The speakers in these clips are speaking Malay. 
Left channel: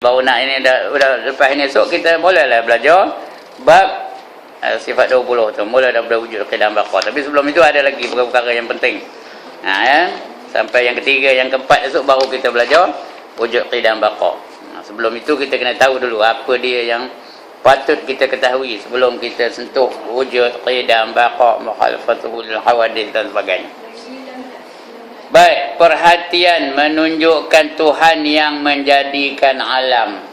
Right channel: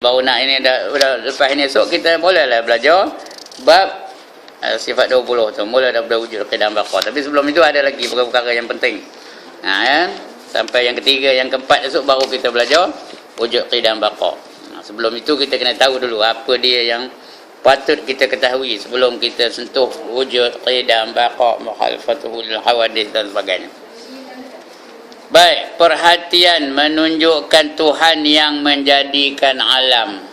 Baru nak ini dah lepas ini esok kita bolehlah belajar bab sifat 20 tu. Mula dah wujud keadaan bakar. Tapi sebelum itu ada lagi perkara-perkara yang penting. Ya. Sampai yang ketiga, yang keempat esok baru kita belajar wujud keadaan bakar. Sebelum itu kita kena tahu dulu apa dia yang patut kita ketahui sebelum kita sentuh wujud keadaan bakar, mukhalafatul hawadith dan sebagainya. Baik, perhatian menunjukkan Tuhan yang menjadikan alam.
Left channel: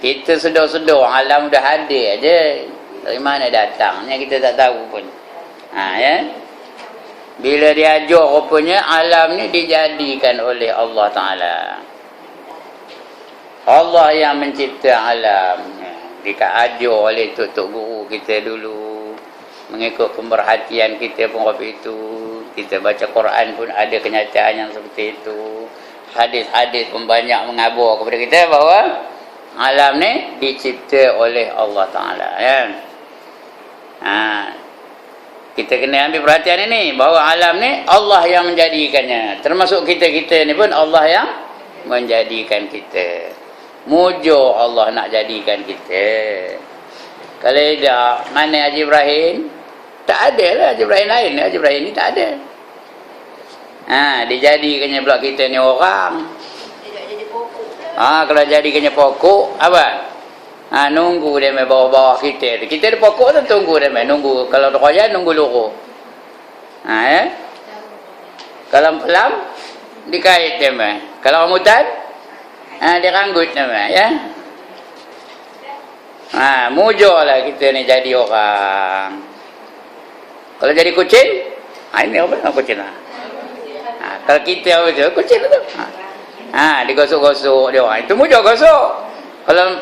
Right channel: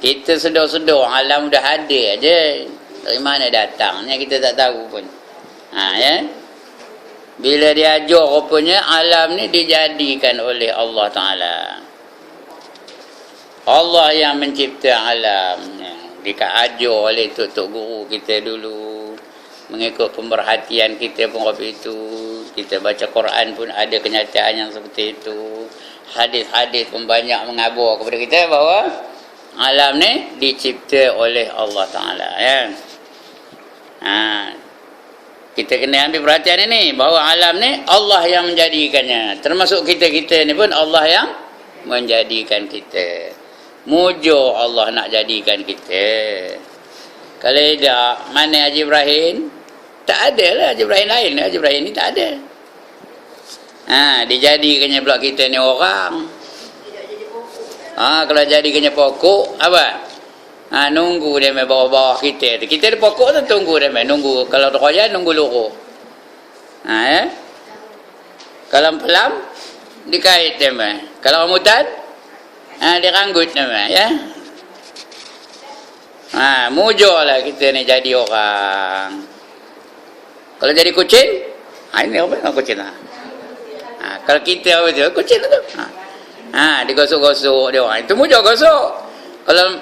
Kita sedar-sedar alam dah ada aja. Dari mana datangnya kita tak tahu pun. Ya. Bila dia ajar rupanya alam ni dijadikan oleh Allah Ta'ala. Allah yang mencipta alam. Dia ajar oleh tok-tok guru kita dulu. Mengikut pemerhatian kita pun waktu itu. Kita baca Quran pun ada kenyataan yang seperti itu. Hadis-hadis pun banyak mengabar kepada kita bahawa alam ni dicipta oleh Allah Ta'ala. Ya. Kita kena ambil perhatian ini bahawa alam ni Allah yang menjadikannya. Termasuk kita-kita ni pun Allah yang menjadikan kita. Mujur Allah nak jadikan kita. Kalau tidak, mana Haji Ibrahim? Tak ada lah Haji Ibrahim lain. Haji Ibrahim ni tak ada. Dijadikannya pula kita ni orang. Kalau jadikannya pokok, apa? Nunggu dia main bawah-bawah kita. Kita ada pokok tu tunggu dia main. Nunggu. Kalau royan, nunggu luruh. Kalau pelam, dikait dia main. Kalau rambutan, dia ranggut dia main. Ya? Mujurlah kita ni jadi orang. Kalau jadi kucing, ini apa dengan kucing? Kalau kita apa tu? Kucing tu. Digosok-gosok dia orang. Itu mujur gosok. Kalau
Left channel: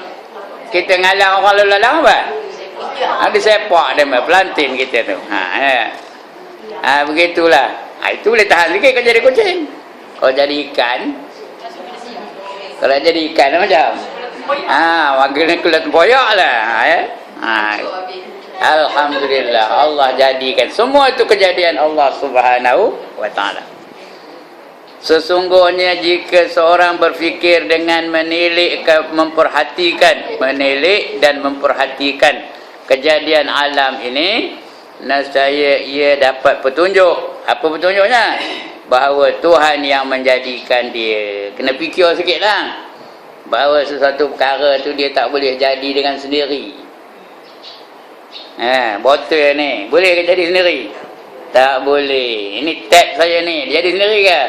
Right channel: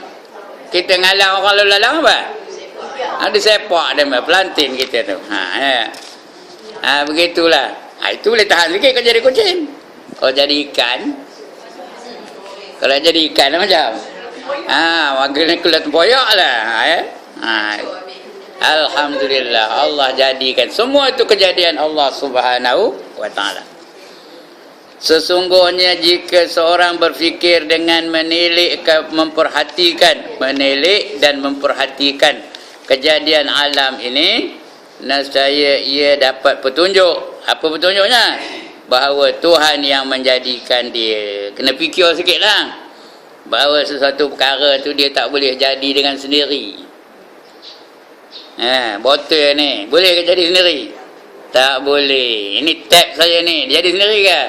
kita ngalang orang lalu lalang apa? Disepak dia pelantin kita tu. Begitulah. Itu boleh tahan sikit kalau jadi kucing. Kalau jadi ikan. Kalau jadi ikan macam wakilnya kulit tempoyak lah. Alhamdulillah Allah jadikan. Semua itu kejadian Allah Subhanahu wa Ta'ala. Sesungguhnya jika seorang berfikir dengan menilik dan memperhatikan kejadian alam ini, nescaya ia dapat petunjuk. Apa petunjuknya? Bahawa Tuhan yang menjadikan dia. Kena fikir sikitlah. Bahawa sesuatu perkara tu dia tak boleh jadi dengan sendiri. Botol ni boleh ke jadi sendiri? Tak boleh. Ini tap saya ni, dia jadi sendiri ke?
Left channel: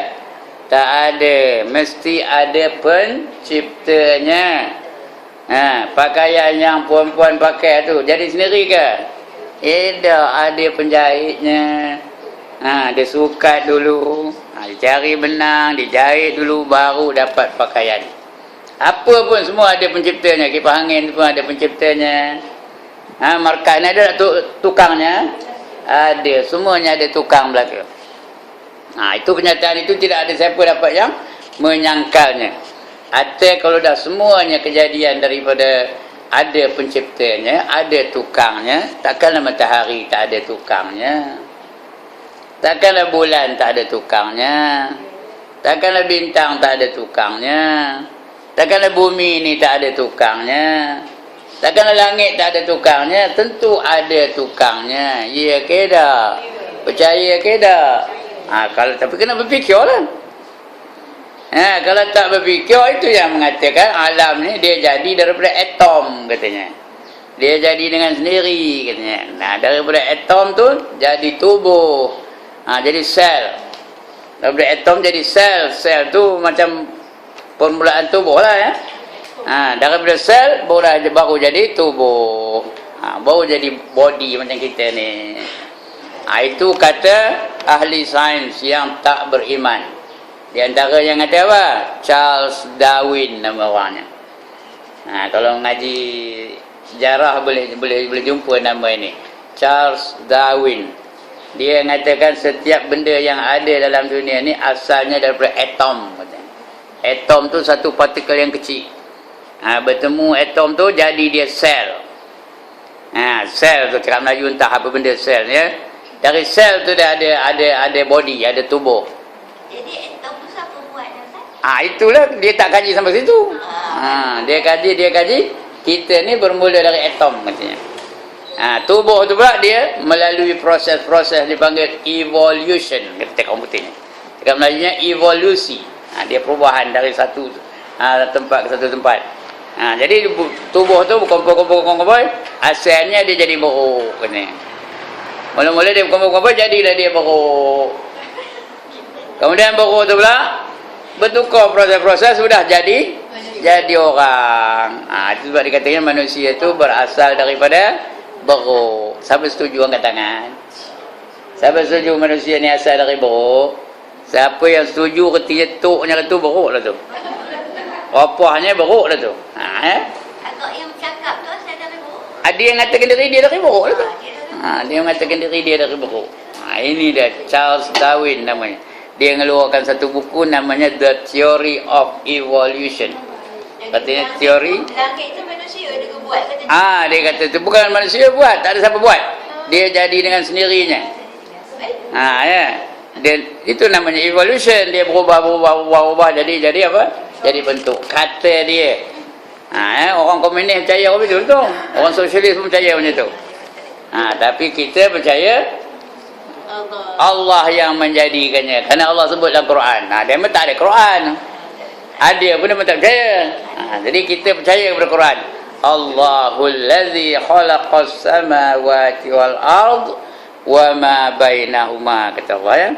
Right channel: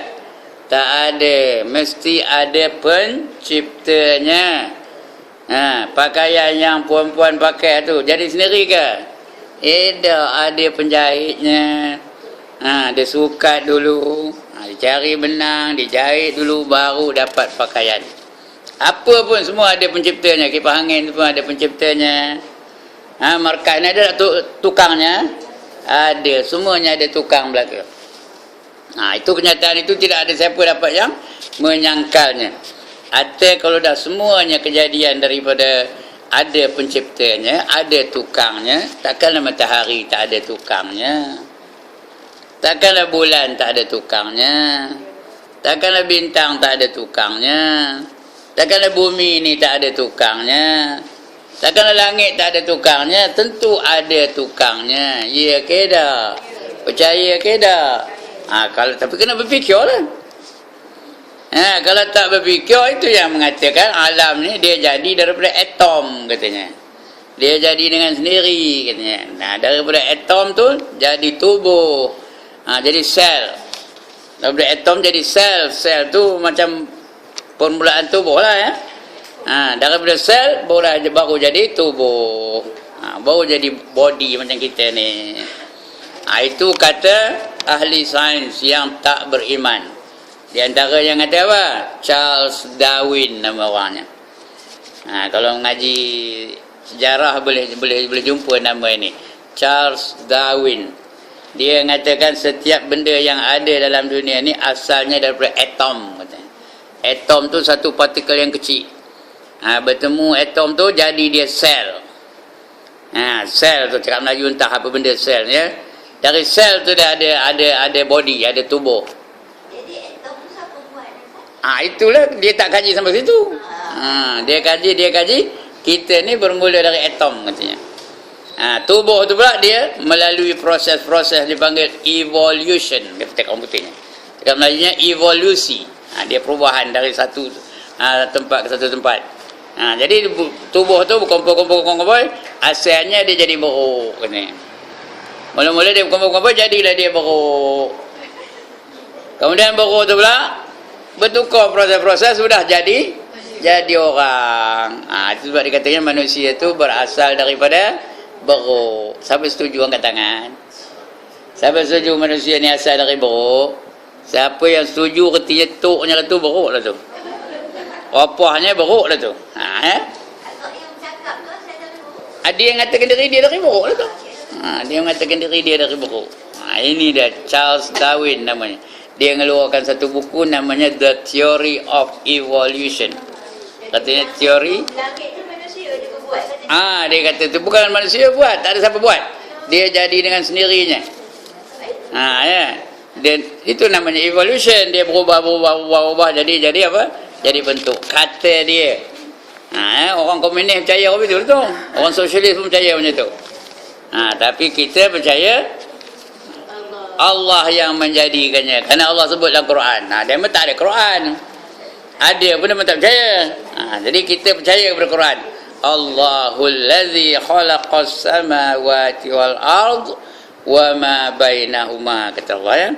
Tak ada. Mesti ada penciptanya. Pakaian yang puan-puan pakai tu jadi sendiri ke? Ada penjahitnya. Dia sukat dulu. Dicari benang, dijahit dulu baru dapat pakaian. Apa pun semua ada penciptanya. Kipas angin pun ada penciptanya. Markas ni ada tukangnya? Ada. Semuanya ada tukang belakang. Itu kenyataan itu tidak ada siapa dapat yang menyangkalnya. Atau kalau dah semuanya kejadian daripada ada penciptanya, ada tukangnya, takkanlah matahari tak ada tukangnya. Takkanlah bulan tak ada tukangnya. Takkanlah bintang tak ada tukangnya. Takkanlah bumi ni tak ada tukangnya. Takkanlah langit tak ada tukangnya. Tentu ada tukangnya. Ya ke tak? Percaya ke tak? Tapi kena berfikirlah. Kalau tak berfikir, itu yang mengatakan alam ni dia jadi daripada atom katanya. Dia jadi dengan sendiri katanya. Daripada atom tu jadi tubuh. Jadi sel. Daripada atom jadi sel. Sel tu macam permulaan tubuh lah ya. Daripada sel baru jadi tubuh. Baru jadi body macam kita ni. Itu kata ahli sains yang tak beriman. Di antara yang kata apa? Charles Darwin nama orangnya. Kalau ngaji sejarah boleh jumpa nama ini. Charles Darwin. Dia mengatakan setiap benda yang ada dalam dunia ni asalnya daripada atom. Atom tu satu partikel yang kecil. Bertemu atom tu jadi dia sel. Sel tu cakap Melayu entah apa benda sel ya. Dari sel tu dah ada body, ada tubuh. Jadi atom tu siapa buat? Itulah dia tak kaji sampai situ. Dia kaji. Kita ni bermula dari atom katanya. Tubuh tu pula dia melalui proses-proses dipanggil evolution kata komputer ni. Dekat Melayunya evolusi. Dia perubahan dari satu tempat ke satu tempat. Jadi tubuh tu berkumpul, asalnya dia jadi beruk ni. Mula-mula dia berkumpul, jadilah dia beruk. Kemudian beruk tu pula bertukar proses-proses, sudah jadi orang. Itu sebab dikatakan manusia tu berasal daripada beruk. Siapa setuju angkat tangan? Siapa setuju manusia ni asal dari beruk? Siapa yang setuju retinya tuknya tu beruk lah tu. Opahnya beruk lah tu. Atau yang bercakap tu asal dari beruk. Ada yang mengatakan diri dia dari beruk lah tu. Dia mengatakan diri dia dari beruk. Ini dia Charles Darwin namanya. Dia mengeluarkan satu buku namanya The Theory of Evolution. Katanya teori. Langit tu manusia dia buat katanya. Dia kata tu bukan manusia buat, tak ada siapa buat. Dia jadi dengan sendirinya. Ya. Dan itu namanya evolution. Dia berubah jadi apa? Jadi bentuk. Kata dia. Orang komunis percaya apa betul tu. Orang sosialis pun percaya macam tu. Tapi kita percaya Allah yang menjadikannya. Kerana Allah sebut dalam Quran. Dia memang tak ada Quran. Ada pun dia memang tak percaya. Jadi kita percaya kepada Quran. Allahul ladzi khalaqas samawati wal ard wa ma bainahuma, kata Allah ya.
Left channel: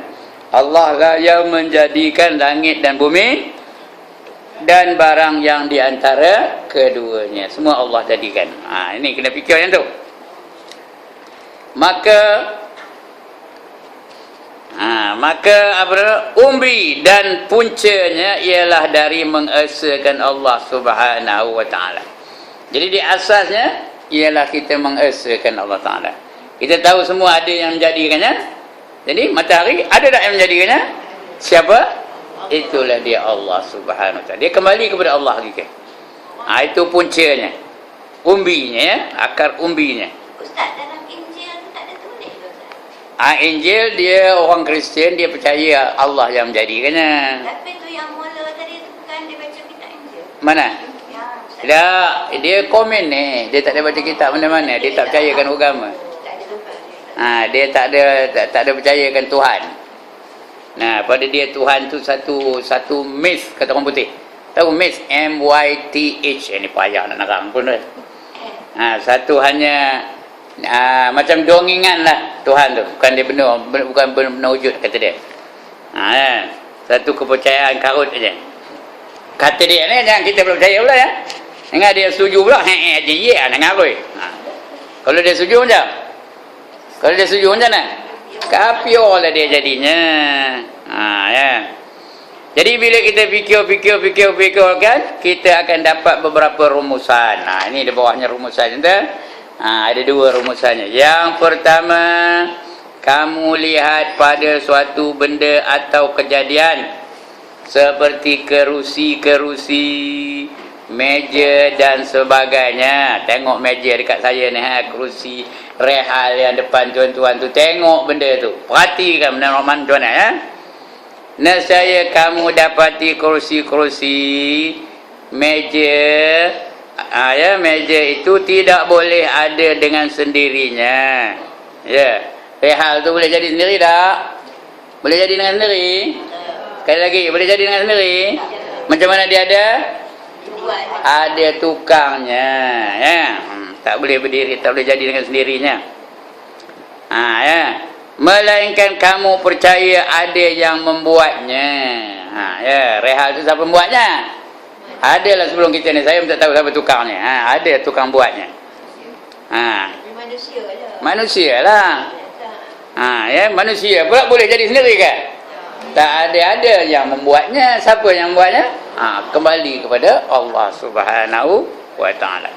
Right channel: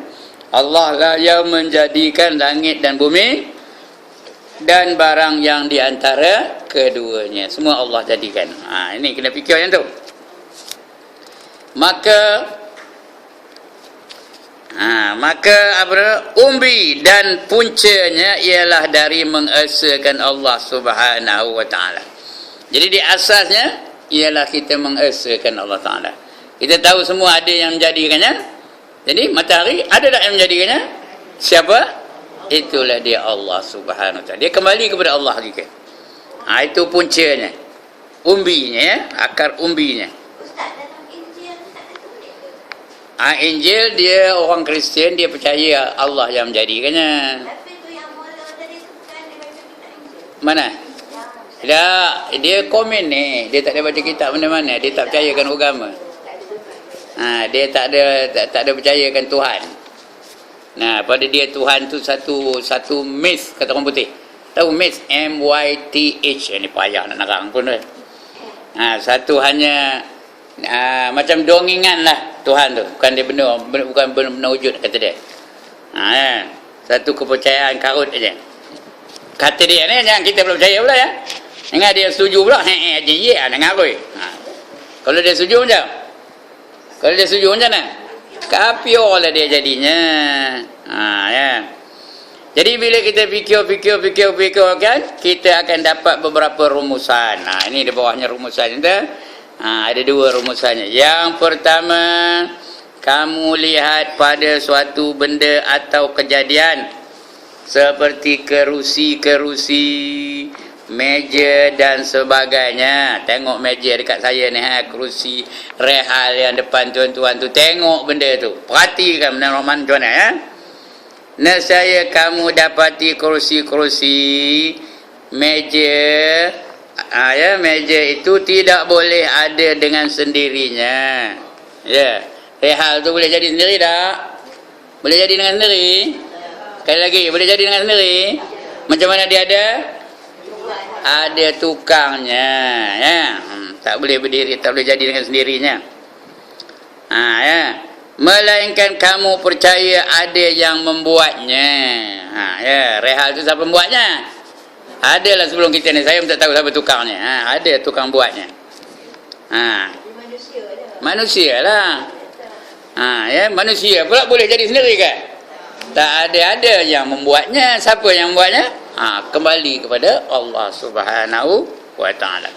Allah lah yang menjadikan langit dan bumi dan barang yang di antara keduanya. Semua Allah jadikan. Ini kena fikir yang tu. Maka umbi dan puncanya ialah dari mengesakan Allah Subhanahu wa taala. Jadi di asasnya ialah kita mengesakan Allah taala. Kita tahu semua ada yang menjadikannya. Jadi matahari ada tak yang menjadikannya? Siapa? Itulah dia Allah Subhanahu wa taala. Dia kembali kepada Allah juga. Itu puncanya. Umbinya ya, akar umbinya. Ustaz, dalam Injil tu tak ada tulis ke Ustaz? Injil dia orang Kristian, dia percaya Allah yang menjadikannya. Tapi tu yang mula tadi tu bukan dia baca kitab Injil. Mana? Dia komen ni, dia tak ada baca kitab mana-mana, dia tak percayakan agama. Dia tak ada percayakan Tuhan. Pada dia Tuhan tu satu myth, kata orang putih. Tahu myth? M-Y-T-H. Ini payah nak narang pun. Satu hanya macam dongengan lah Tuhan tu. Bukan dia benar, bukan benar wujud, kata dia. Satu kepercayaan karut aja. Kata dia ni jangan kita belum percaya pula ya. Ingat dia setuju pula, aja nak ngabui. Kalau dia setuju macam? Kalau dia setuju macam mana? Kafir lah dia jadinya. Ya. Jadi bila kita fikir kan, kita akan dapat beberapa rumusan. Ini di bawahnya rumusan kita. Ada dua rumusannya. Yang pertama, kamu lihat pada suatu benda atau kejadian seperti kerusi, meja dan sebagainya. Tengok meja dekat saya ni, kerusi, rehal yang depan tuan-tuan tu. Tengok benda tu. Perhatikan benda Rahman macam mana ya. Nescaya kamu dapati kerusi, meja. Meja itu tidak boleh ada dengan sendirinya. Ya. Rehal tu boleh jadi sendiri tak? Boleh jadi dengan sendiri? Sekali lagi, boleh jadi dengan sendiri? Macam mana dia ada? Ada tukangnya, ya. Tak boleh berdiri, tak boleh jadi dengan sendirinya. Ya. Melainkan kamu percaya ada yang membuatnya. Ya, rehal itu siapa membuatnya? Adalah sebelum kita ni, saya pun tak tahu siapa tukangnya. Ada tukang buatnya. Manusia je. Manusia lah. Ya, manusia pula boleh jadi sendiri kan? Tak ada yang membuatnya. Siapa yang membuatnya? Kembali kepada Allah Subhanahu wa taala.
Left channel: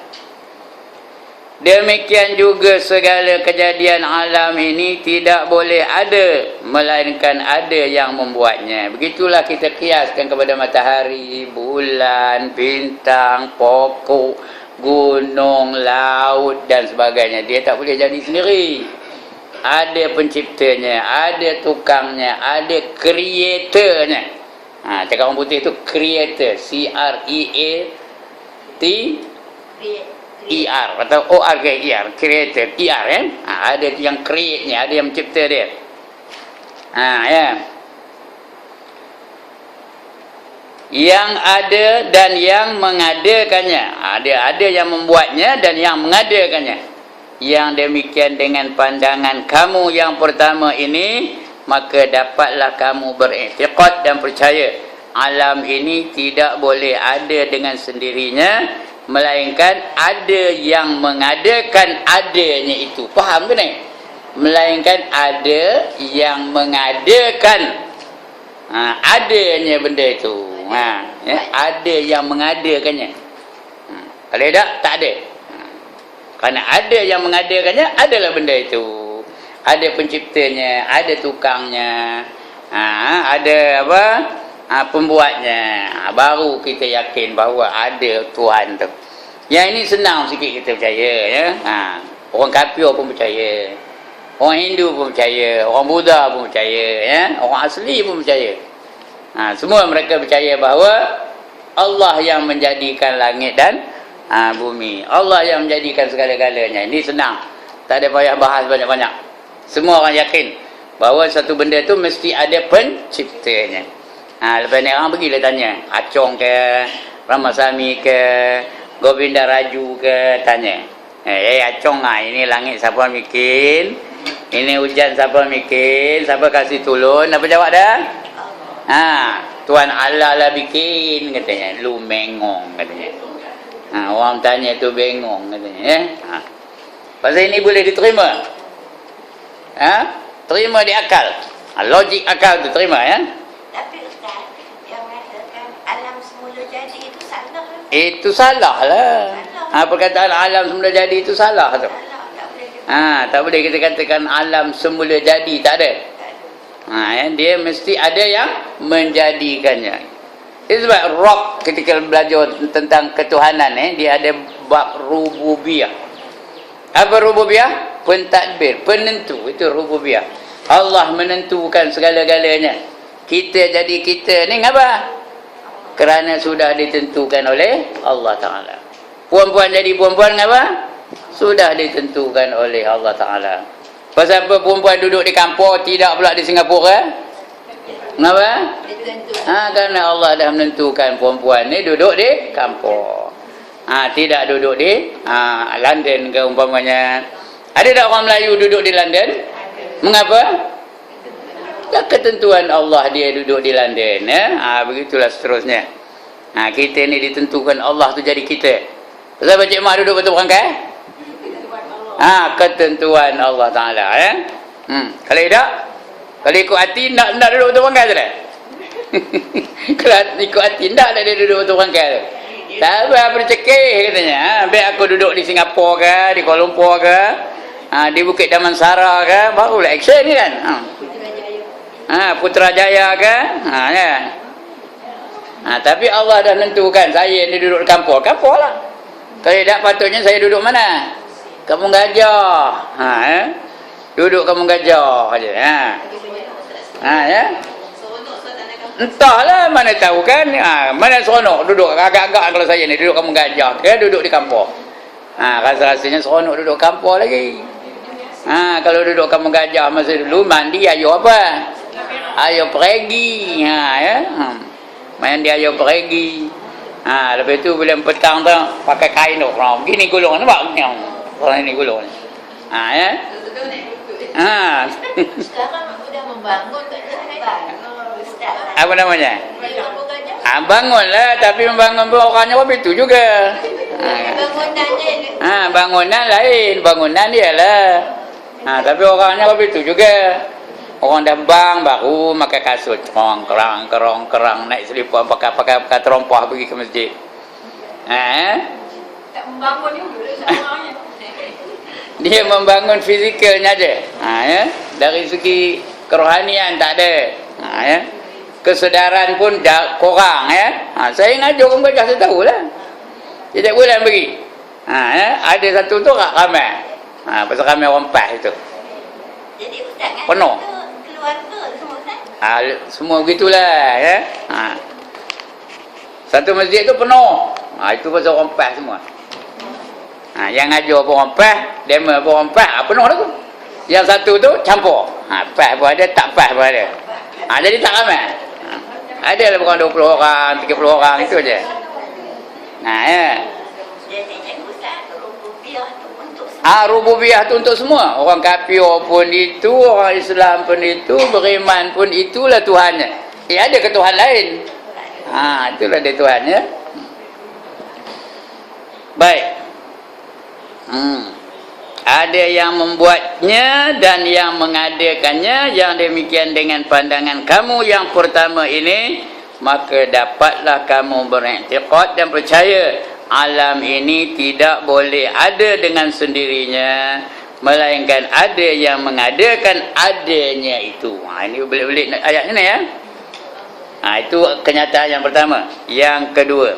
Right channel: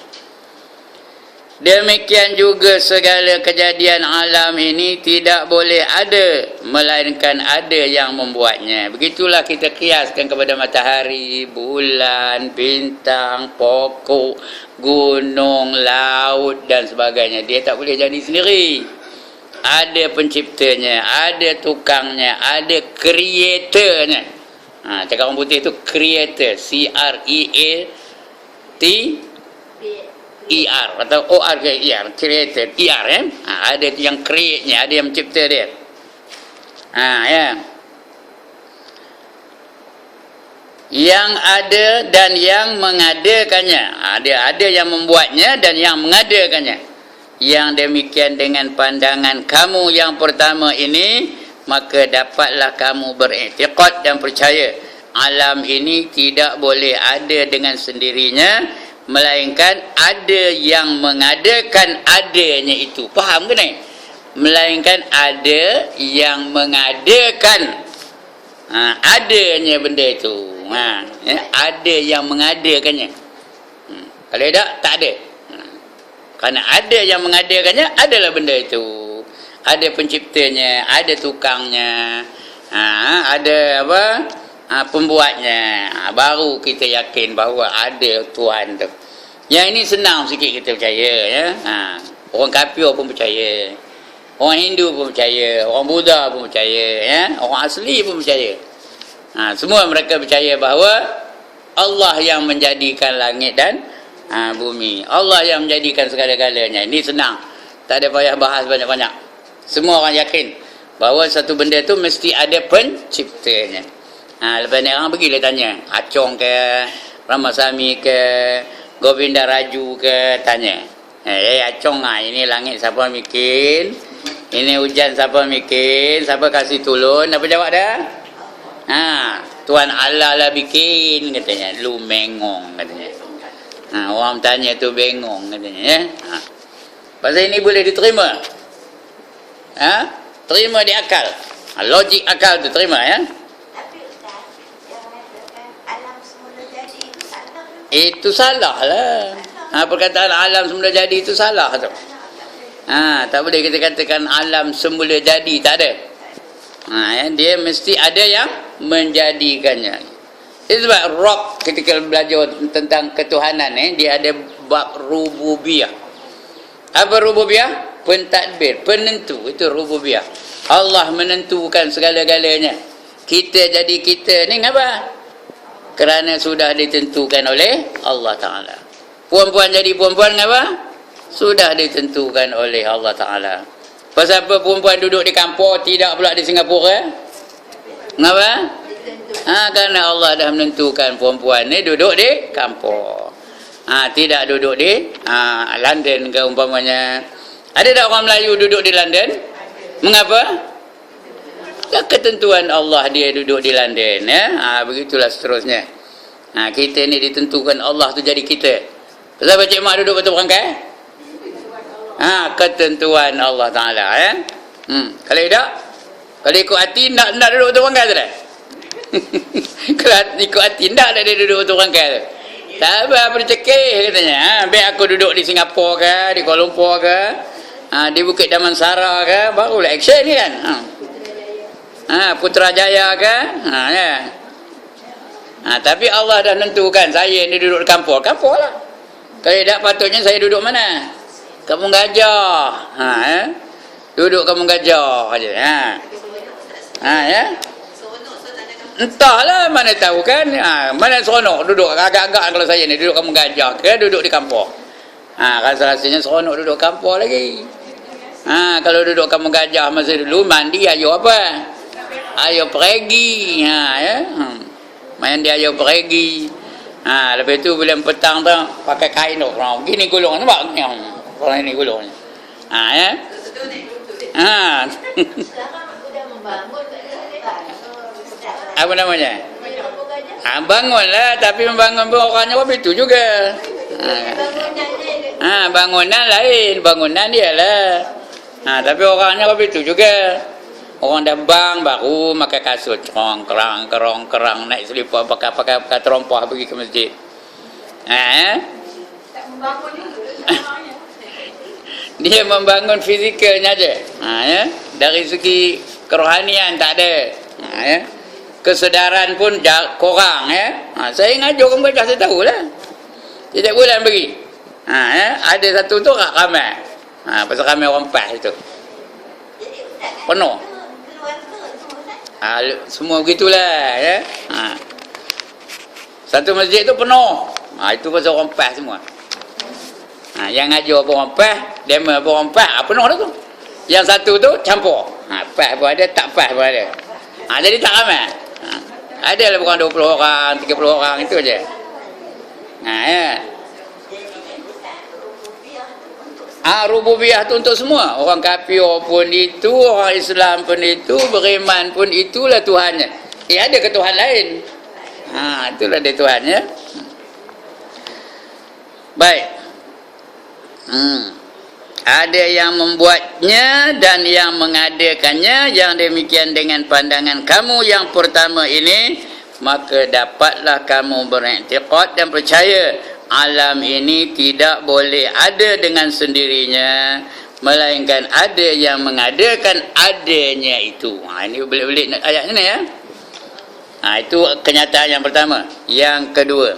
Demikian juga segala kejadian alam ini tidak boleh ada melainkan ada yang membuatnya. Begitulah kita kiaskan kepada matahari, bulan, bintang, pokok, gunung, laut dan sebagainya. Dia tak boleh jadi sendiri. Ada penciptanya, ada tukangnya, ada creatornya. Cakap orang putih itu creator, C-R-E-A ER atau ORGER, creator, ER kan. Ada yang create-nya, ada yang mencipta dia. Ya. Yang ada dan yang mengadakannya. Ada yang membuatnya dan yang mengadakannya. Yang demikian dengan pandangan kamu yang pertama ini, maka dapatlah kamu beriktikad dan percaya alam ini tidak boleh ada dengan sendirinya, melainkan ada yang mengadakan adanya itu. Faham ke ni? Melainkan ada yang mengadakan adanya benda itu. Ada yang mengadakannya. Kalau tak ada. Kerana ada yang mengadakannya, adalah benda itu. Ada penciptanya, ada tukangnya, ada pembuatnya. Baru kita yakin bahawa ada Tuhan tu. Yang ini senang sikit kita percaya, ya. Orang kafir pun percaya, orang Hindu pun percaya, orang Buddha pun percaya, ya. Orang asli pun percaya. Semua mereka percaya bahawa Allah yang menjadikan langit dan bumi. Allah yang menjadikan segala-galanya. Ini senang, tak ada payah bahas banyak-banyak. Semua orang yakin bahawa satu benda tu mesti ada penciptanya. Lepas ni orang pergilah tanya Acong ke, Ramasamy ke, Govinda Raju ke, tanya, Acong ini langit siapa bikin, ini hujan siapa bikin, siapa kasih turun? Apa jawab dah? Tuan Allah lah bikin, katanya. Lu mengong, katanya. Orang tanya tu bengong, katanya, ya. Pasal ini boleh diterima. Terima di akal. Logik akal tu terima, ya. Tapi Ustaz, yang mengatakan alam semula jadi itu salah. Itu salah lah. Perkataan alam semula jadi itu salah tu. Tak boleh kita katakan alam semula jadi, tak ada. Dia mesti ada yang menjadikannya. Itu sebab Rob ketika belajar tentang ketuhanan, dia ada bab rububiyah. Apa rububiyah? Pentadbir, penentu. Itu rububiyah. Allah menentukan segala-galanya. Kita jadi kita ni ngapa? Kerana sudah ditentukan oleh Allah Ta'ala. Puan-puan jadi puan-puan ngapa? Sudah ditentukan oleh Allah Ta'ala. Pasal apa perempuan duduk di kampung, tidak pula di Singapura? Ngapa? Kerana Allah dah menentukan perempuan ni duduk di kampung. Tidak duduk di London ke umpamanya. Ada tak orang Melayu duduk di London? Mengapa? Ketentuan Allah dia duduk di London, ya. Begitulah seterusnya. Kita ni ditentukan Allah tu jadi kita. Pasal Cik Mak duduk betul berangkai? Ketentuan Allah Ta'ala, ya. Kalau tidak, kalau ikut hati, nak duduk betul berangkai tu dah. Kalau ikut hati, tak dia duduk betul berangkai tu. Tak apa, bercekih katanya. Biar aku duduk di Singapura ke, di Kuala Lumpur ke, di Bukit Damansara ke, barulah action ni kan. Putrajaya ke, ya. Tapi Allah dah menentukan saya ni duduk di kampung lah. Kalau tidak, patutnya saya duduk mana? Kampung Gajah. Duduk Kampung Gajah aja. Ya. Entahlah, mana tahu kan. Mana seronok duduk agak-agak kalau saya ni duduk Kampung Gajah ke duduk di kampung. Rasa-rasanya seronok duduk kampung lagi. Kalau duduk Kampung Gajah masa dulu mandi ayo apa? Ayo pergi. Ya. Main dia ayo pergi. Lepas tu bila petang tu pakai kain orang. Gini gulung nampak? Orang ini gulung ni. Ya. Sekarang sudah membangun tak ada. Apa namanya? Bangunlah, tapi membangun pun orangnya apa itu juga. Bangunan lain, bangunan dia lah. Tapi orangnya apa itu juga. Orang dah bang baru pakai kasut kerang naik selipar pakai terompah pergi ke masjid. Tak membangun juga sebenarnya. Dia membangun fizikalnya aja. Ya. Dari segi kerohanian tak ada. Ya. Kesedaran pun kurang, ya. Saya ngajar orang Gajah, saya tahulah. Setiap bulan pergi. Ya. Ada satu tu ramai. Pasal ramai orang PAS itu. Jadi Ustaz kan Penuh. keluarga semua Ustaz? Semua begitulah, ya. Satu masjid tu penuh. Itu pasal orang PAS semua. Yang ngajar pun orang PAS, demo pun orang PAS, penuh dah tu. Yang satu tu campur. PAS pun ada, tak PAS pun ada. Jadi tak ramai. Ada lah bukan 20 orang, 30 orang, itu je. Ya. Jadi cikgu tak rububiah tu untuk Rububiyah tu untuk semua. Orang kafir pun itu, orang Islam pun itu, beriman pun itulah Tuhannya. Ada ke Tuhan lain? Itulah dia Tuhannya. Baik. Ada yang membuatnya dan yang mengadakannya. Yang demikian dengan pandangan kamu yang pertama ini, maka dapatlah kamu beriktikad dan percaya alam ini tidak boleh ada dengan sendirinya, melainkan ada yang mengadakan adanya itu. Ini belit-belit ayatnya ni ya. Itu kenyataan yang pertama. Yang kedua,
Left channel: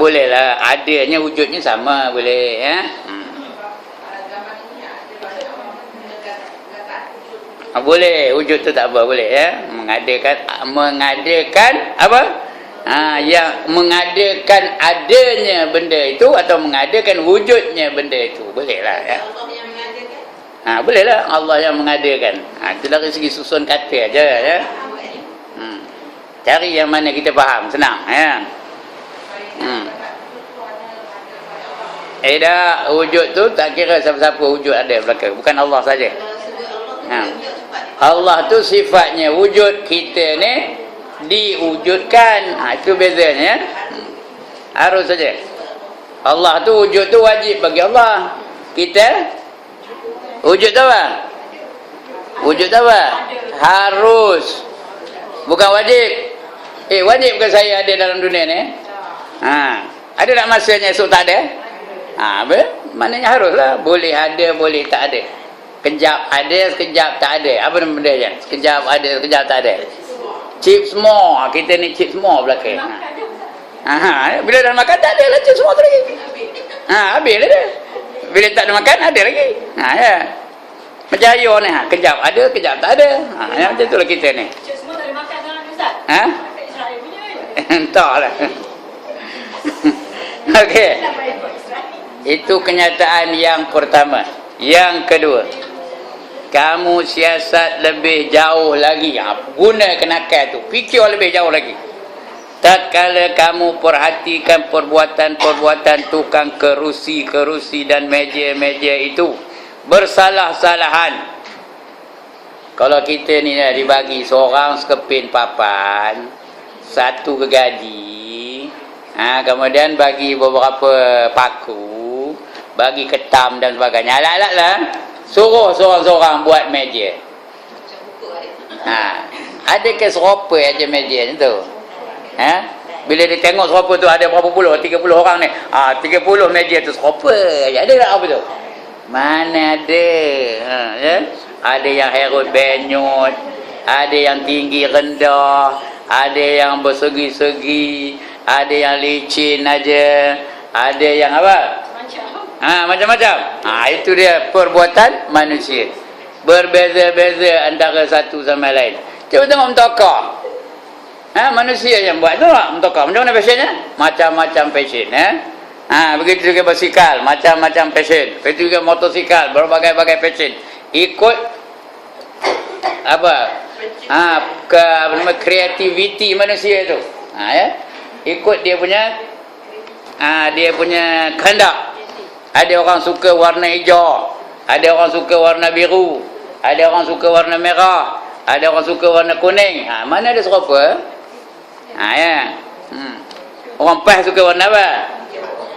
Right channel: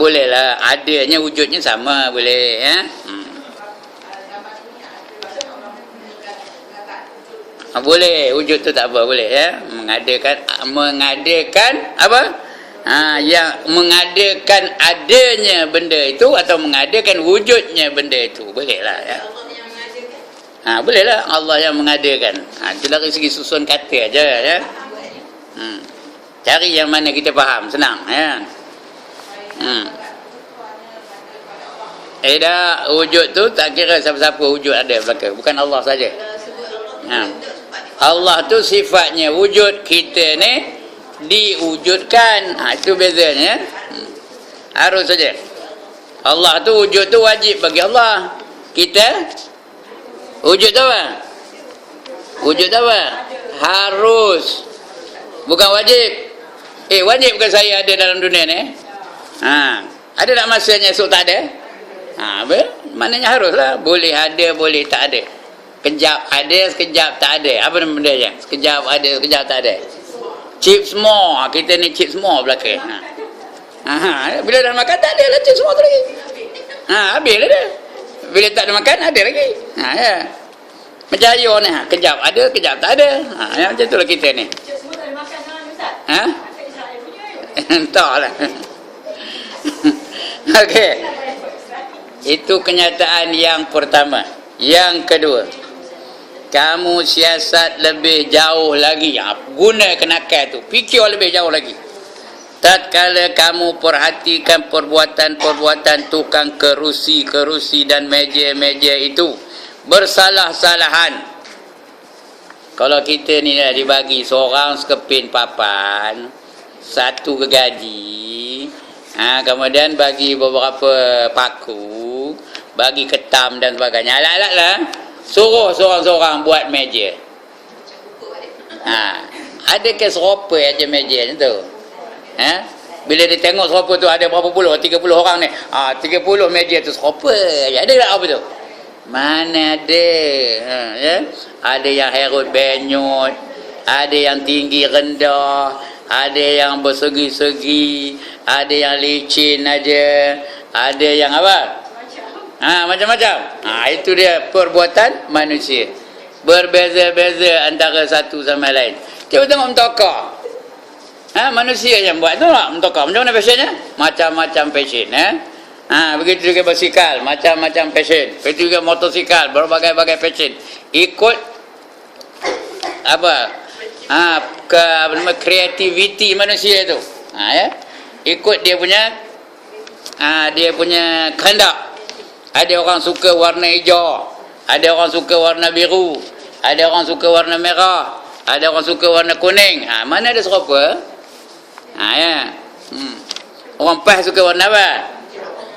bolehlah, adanya wujudnya sama, boleh ya. Boleh, wujud tu tak apa, boleh ya. Mengadakan apa? Yang mengadakan adanya benda itu atau mengadakan wujudnya benda itu, bolehlah ya. Bolehlah Allah yang mengadakan. Itu dari segi susun kata aja ya. Cari yang mana kita faham, senang ya. Dah, wujud tu tak kira siapa-siapa wujud ada belakang, bukan Allah saja. Allah tu sifatnya wujud, kita ni diwujudkan. Itu bezanya. Harus saja. Allah tu wujud tu wajib bagi Allah. Kita wujud tu apa? Wujud tu apa? Harus. Bukan wajib. Wajib ke saya ada dalam dunia ni? Ada tak masanya esok tak ada? Maknanya haruslah. Boleh ada, boleh tak ada. Sekejap ada, sekejap tak ada. Apa nama benda je? Sekejap ada, sekejap tak ada. Chip semua. Kita ni chip semua belakang. Bila dah makan tak ada lah chip semua tu lagi. Habis lah dia. Bila tak ada makan ada lagi. Ya. Macam air ni. Kejap ada, kejap tak ada. Macam tu lah kita ni. Cik semua tak ada makan sekarang ni Ustaz? Israel punya Entahlah. Okey. Itu kenyataan yang pertama. Yang kedua, kamu siasat lebih jauh lagi. Guna kenakan tu, fikir lebih jauh lagi. Tatkala kamu perhatikan perbuatan-perbuatan tukang kerusi dan meja-meja itu bersalah-salahan. Kalau kita ni dah dibagi seorang sekepin papan, satu gergaji, kemudian bagi beberapa paku, bagi ketam dan sebagainya, alat-alat lah, suruh seorang-seorang buat meja. Adakah serupa aja meja ni tu? Bila dia tengok serupa tu ada berapa puluh, 30 orang ni, 30 meja tu serupa, ada tak apa tu? Mana ada. Ada yang herut benyut, ada yang tinggi rendah, ada yang bersegi-segi, ada yang licin aja, ada yang apa? Macam-macam. Itu dia perbuatan manusia. Berbeza-beza antara satu sama lain. Cuba tengok mentokak. Manusia yang buat tu tak mentokak. Macam mana fashionnya? Macam-macam fashion. Begitu juga basikal, macam-macam fashion. Begitu juga motosikal, berbagai-bagai fashion. Ikut apa? Kreativiti manusia tu. Ya. Ikut dia punya kehendak. Ada orang suka warna hijau, ada orang suka warna biru, ada orang suka warna merah, ada orang suka warna kuning. Mana ada serupa? Ya. Orang PAS suka warna apa?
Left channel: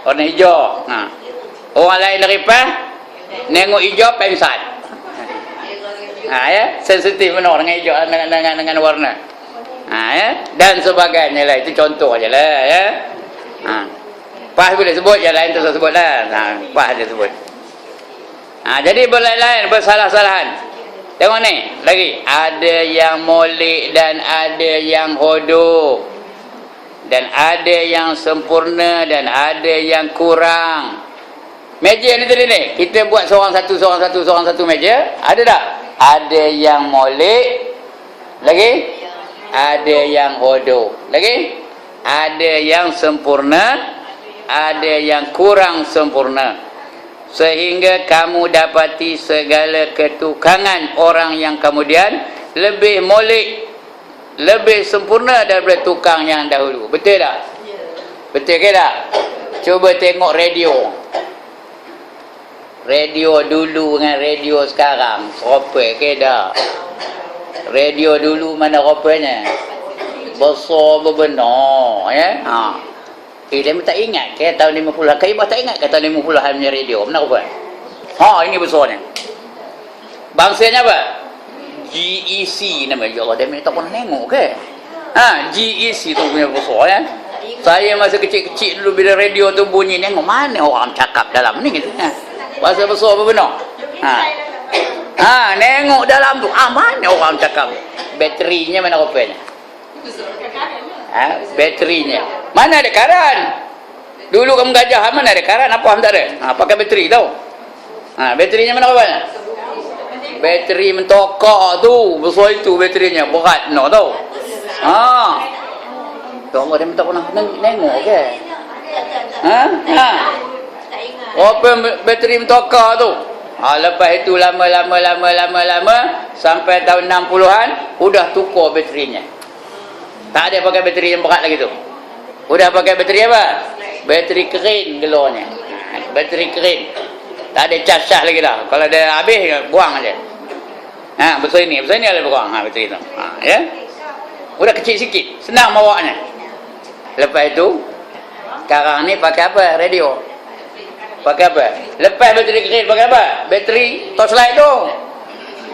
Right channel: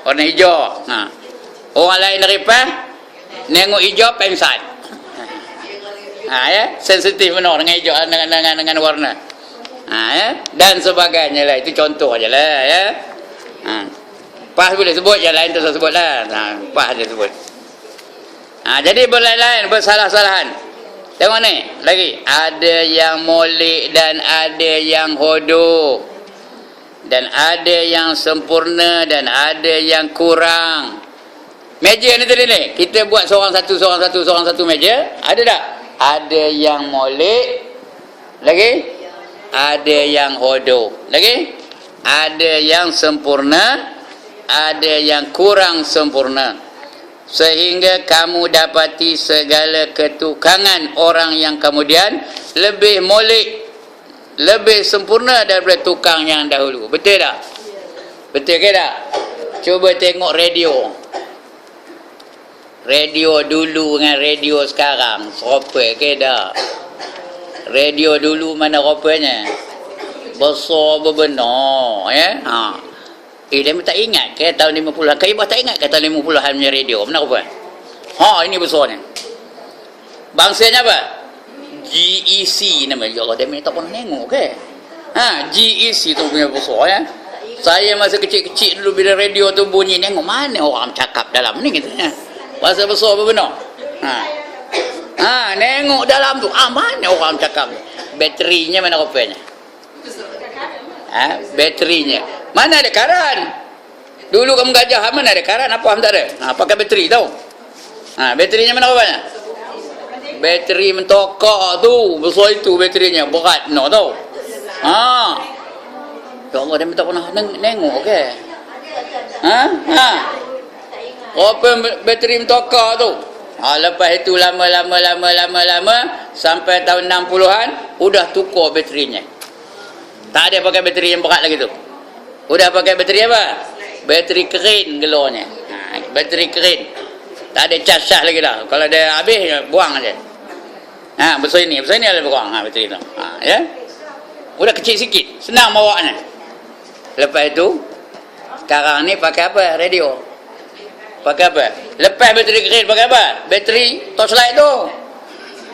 Warna hijau. Orang lain dari PAS nengok hijau pengsan. Ya, sensitif benar dengan hijau, dengan warna. Ya, dan sebagainya lah. Itu contoh aja lah ya. PAS boleh sebut, yang lain tu saya sebut lah. PAS dia sebut. Jadi berlain-lain, bersalah-salahan. Tengok ni, lagi. Ada yang molek dan ada yang hodoh. Dan ada yang sempurna dan ada yang kurang. Meja ni tadi ni, kita buat seorang satu meja. Ada tak? ada yang molek, lagi ada yang hodoh, lagi ada yang sempurna, ada yang kurang sempurna, sehingga kamu dapati segala ketukangan orang yang kemudian lebih molek, lebih sempurna daripada tukang yang dahulu. Betul tak? Betul ke tak? Cuba tengok radio. Radio dulu dengan radio sekarang serupa ke tak? Radio dulu mana rupanya? Besar berbenar, ya? Dia tak ingat ke tahun 50-an? Kaibah tak ingat ke tahun 50-an punya radio? Mana rupa? Ini besarnya. Bangsanya apa? GEC nama. Ya Allah, dia tak pernah tengok ke? GEC tu punya besar, ya? Saya masa kecil-kecil dulu bila radio tu bunyi, tengok mana orang cakap dalam ni gitu, ya? Bahasa besar berbenar. Nengok dalam tu, mana orang cakap? Baterinya mana rupanya? Baterinya. Mana ada karan? Dulu kamu gajah, mana ada karan? Apa tak ada? Pakai bateri tau. Baterinya mana rupanya? Bateri mentokak tu, besar itu baterinya, berat no tau. Ya Allah, dia tak pernah nengok ke? Apa bateri mentokak tu? Lepas itu lama sampai tahun 60-an udah tukar baterinya. Tak ada pakai bateri yang berat lagi tu. Udah pakai bateri apa? Bateri keren gelornya. Bateri keren. Tak ada cas lagi dah. Kalau dia habis buang aja. Besar ini ada buang bateri tu. Ya. Udah kecil sikit, senang bawanya. Lepas itu sekarang ni pakai apa? Radio. Pakai apa? Lepas bateri keren pakai apa? Bateri torchlight tu.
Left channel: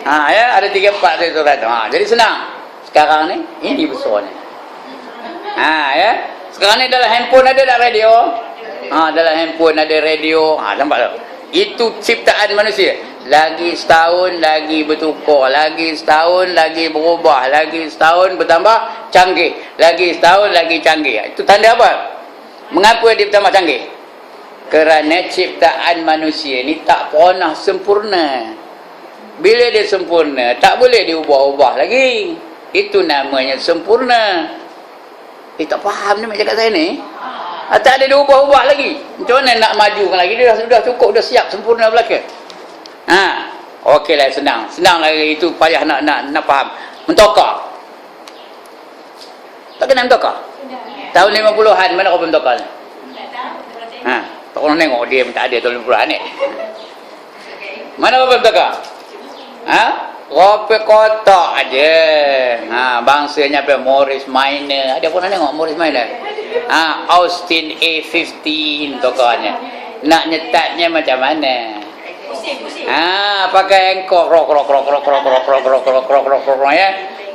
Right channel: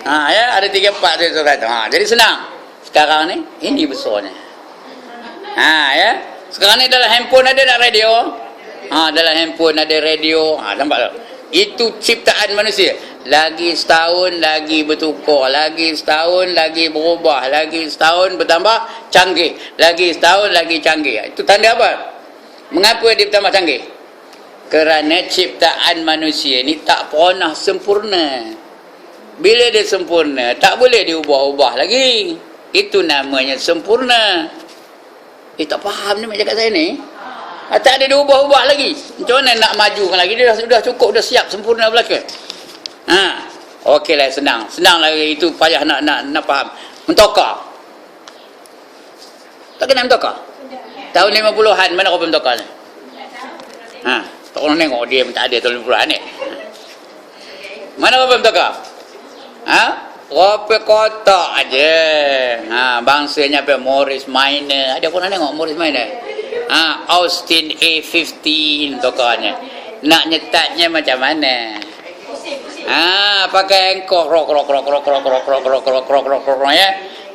Ya, ada 3-4 torchlight tu. Jadi senang. Sekarang ni ini besarnya. Ya. Sekarang ni dalam handphone ada tak radio? Dalam handphone ada radio. Nampak tak? Itu ciptaan manusia. Lagi setahun lagi bertukar, lagi setahun lagi berubah, lagi setahun bertambah canggih, lagi setahun lagi canggih. Itu tanda apa? Mengapa dia bertambah canggih? Kerana ciptaan manusia ni tak pernah sempurna. Bila dia sempurna, tak boleh diubah-ubah lagi. Itu namanya sempurna. Tak faham ni macam kat saya ni. Tak ada diubah-ubah lagi. Macam mana nak majukan lagi? Dia dah cukup, dah siap sempurna belaka. Okeylah, senang. Senang lagi, itu payah nak faham. Mentokar. Tak kena mentokar? Tahun 50-an mana orang mentokar ni? Tak orang tengok dia tak ada tahun 50-an ni. Mana orang mentokar? Rope kotak aja. Bangsanya apa? Morris Minor. Ada pun nak tengok Morris Minor. Austin A15 tokohnya. Nak nyetatnya macam mana? Pakai engkau krok ya.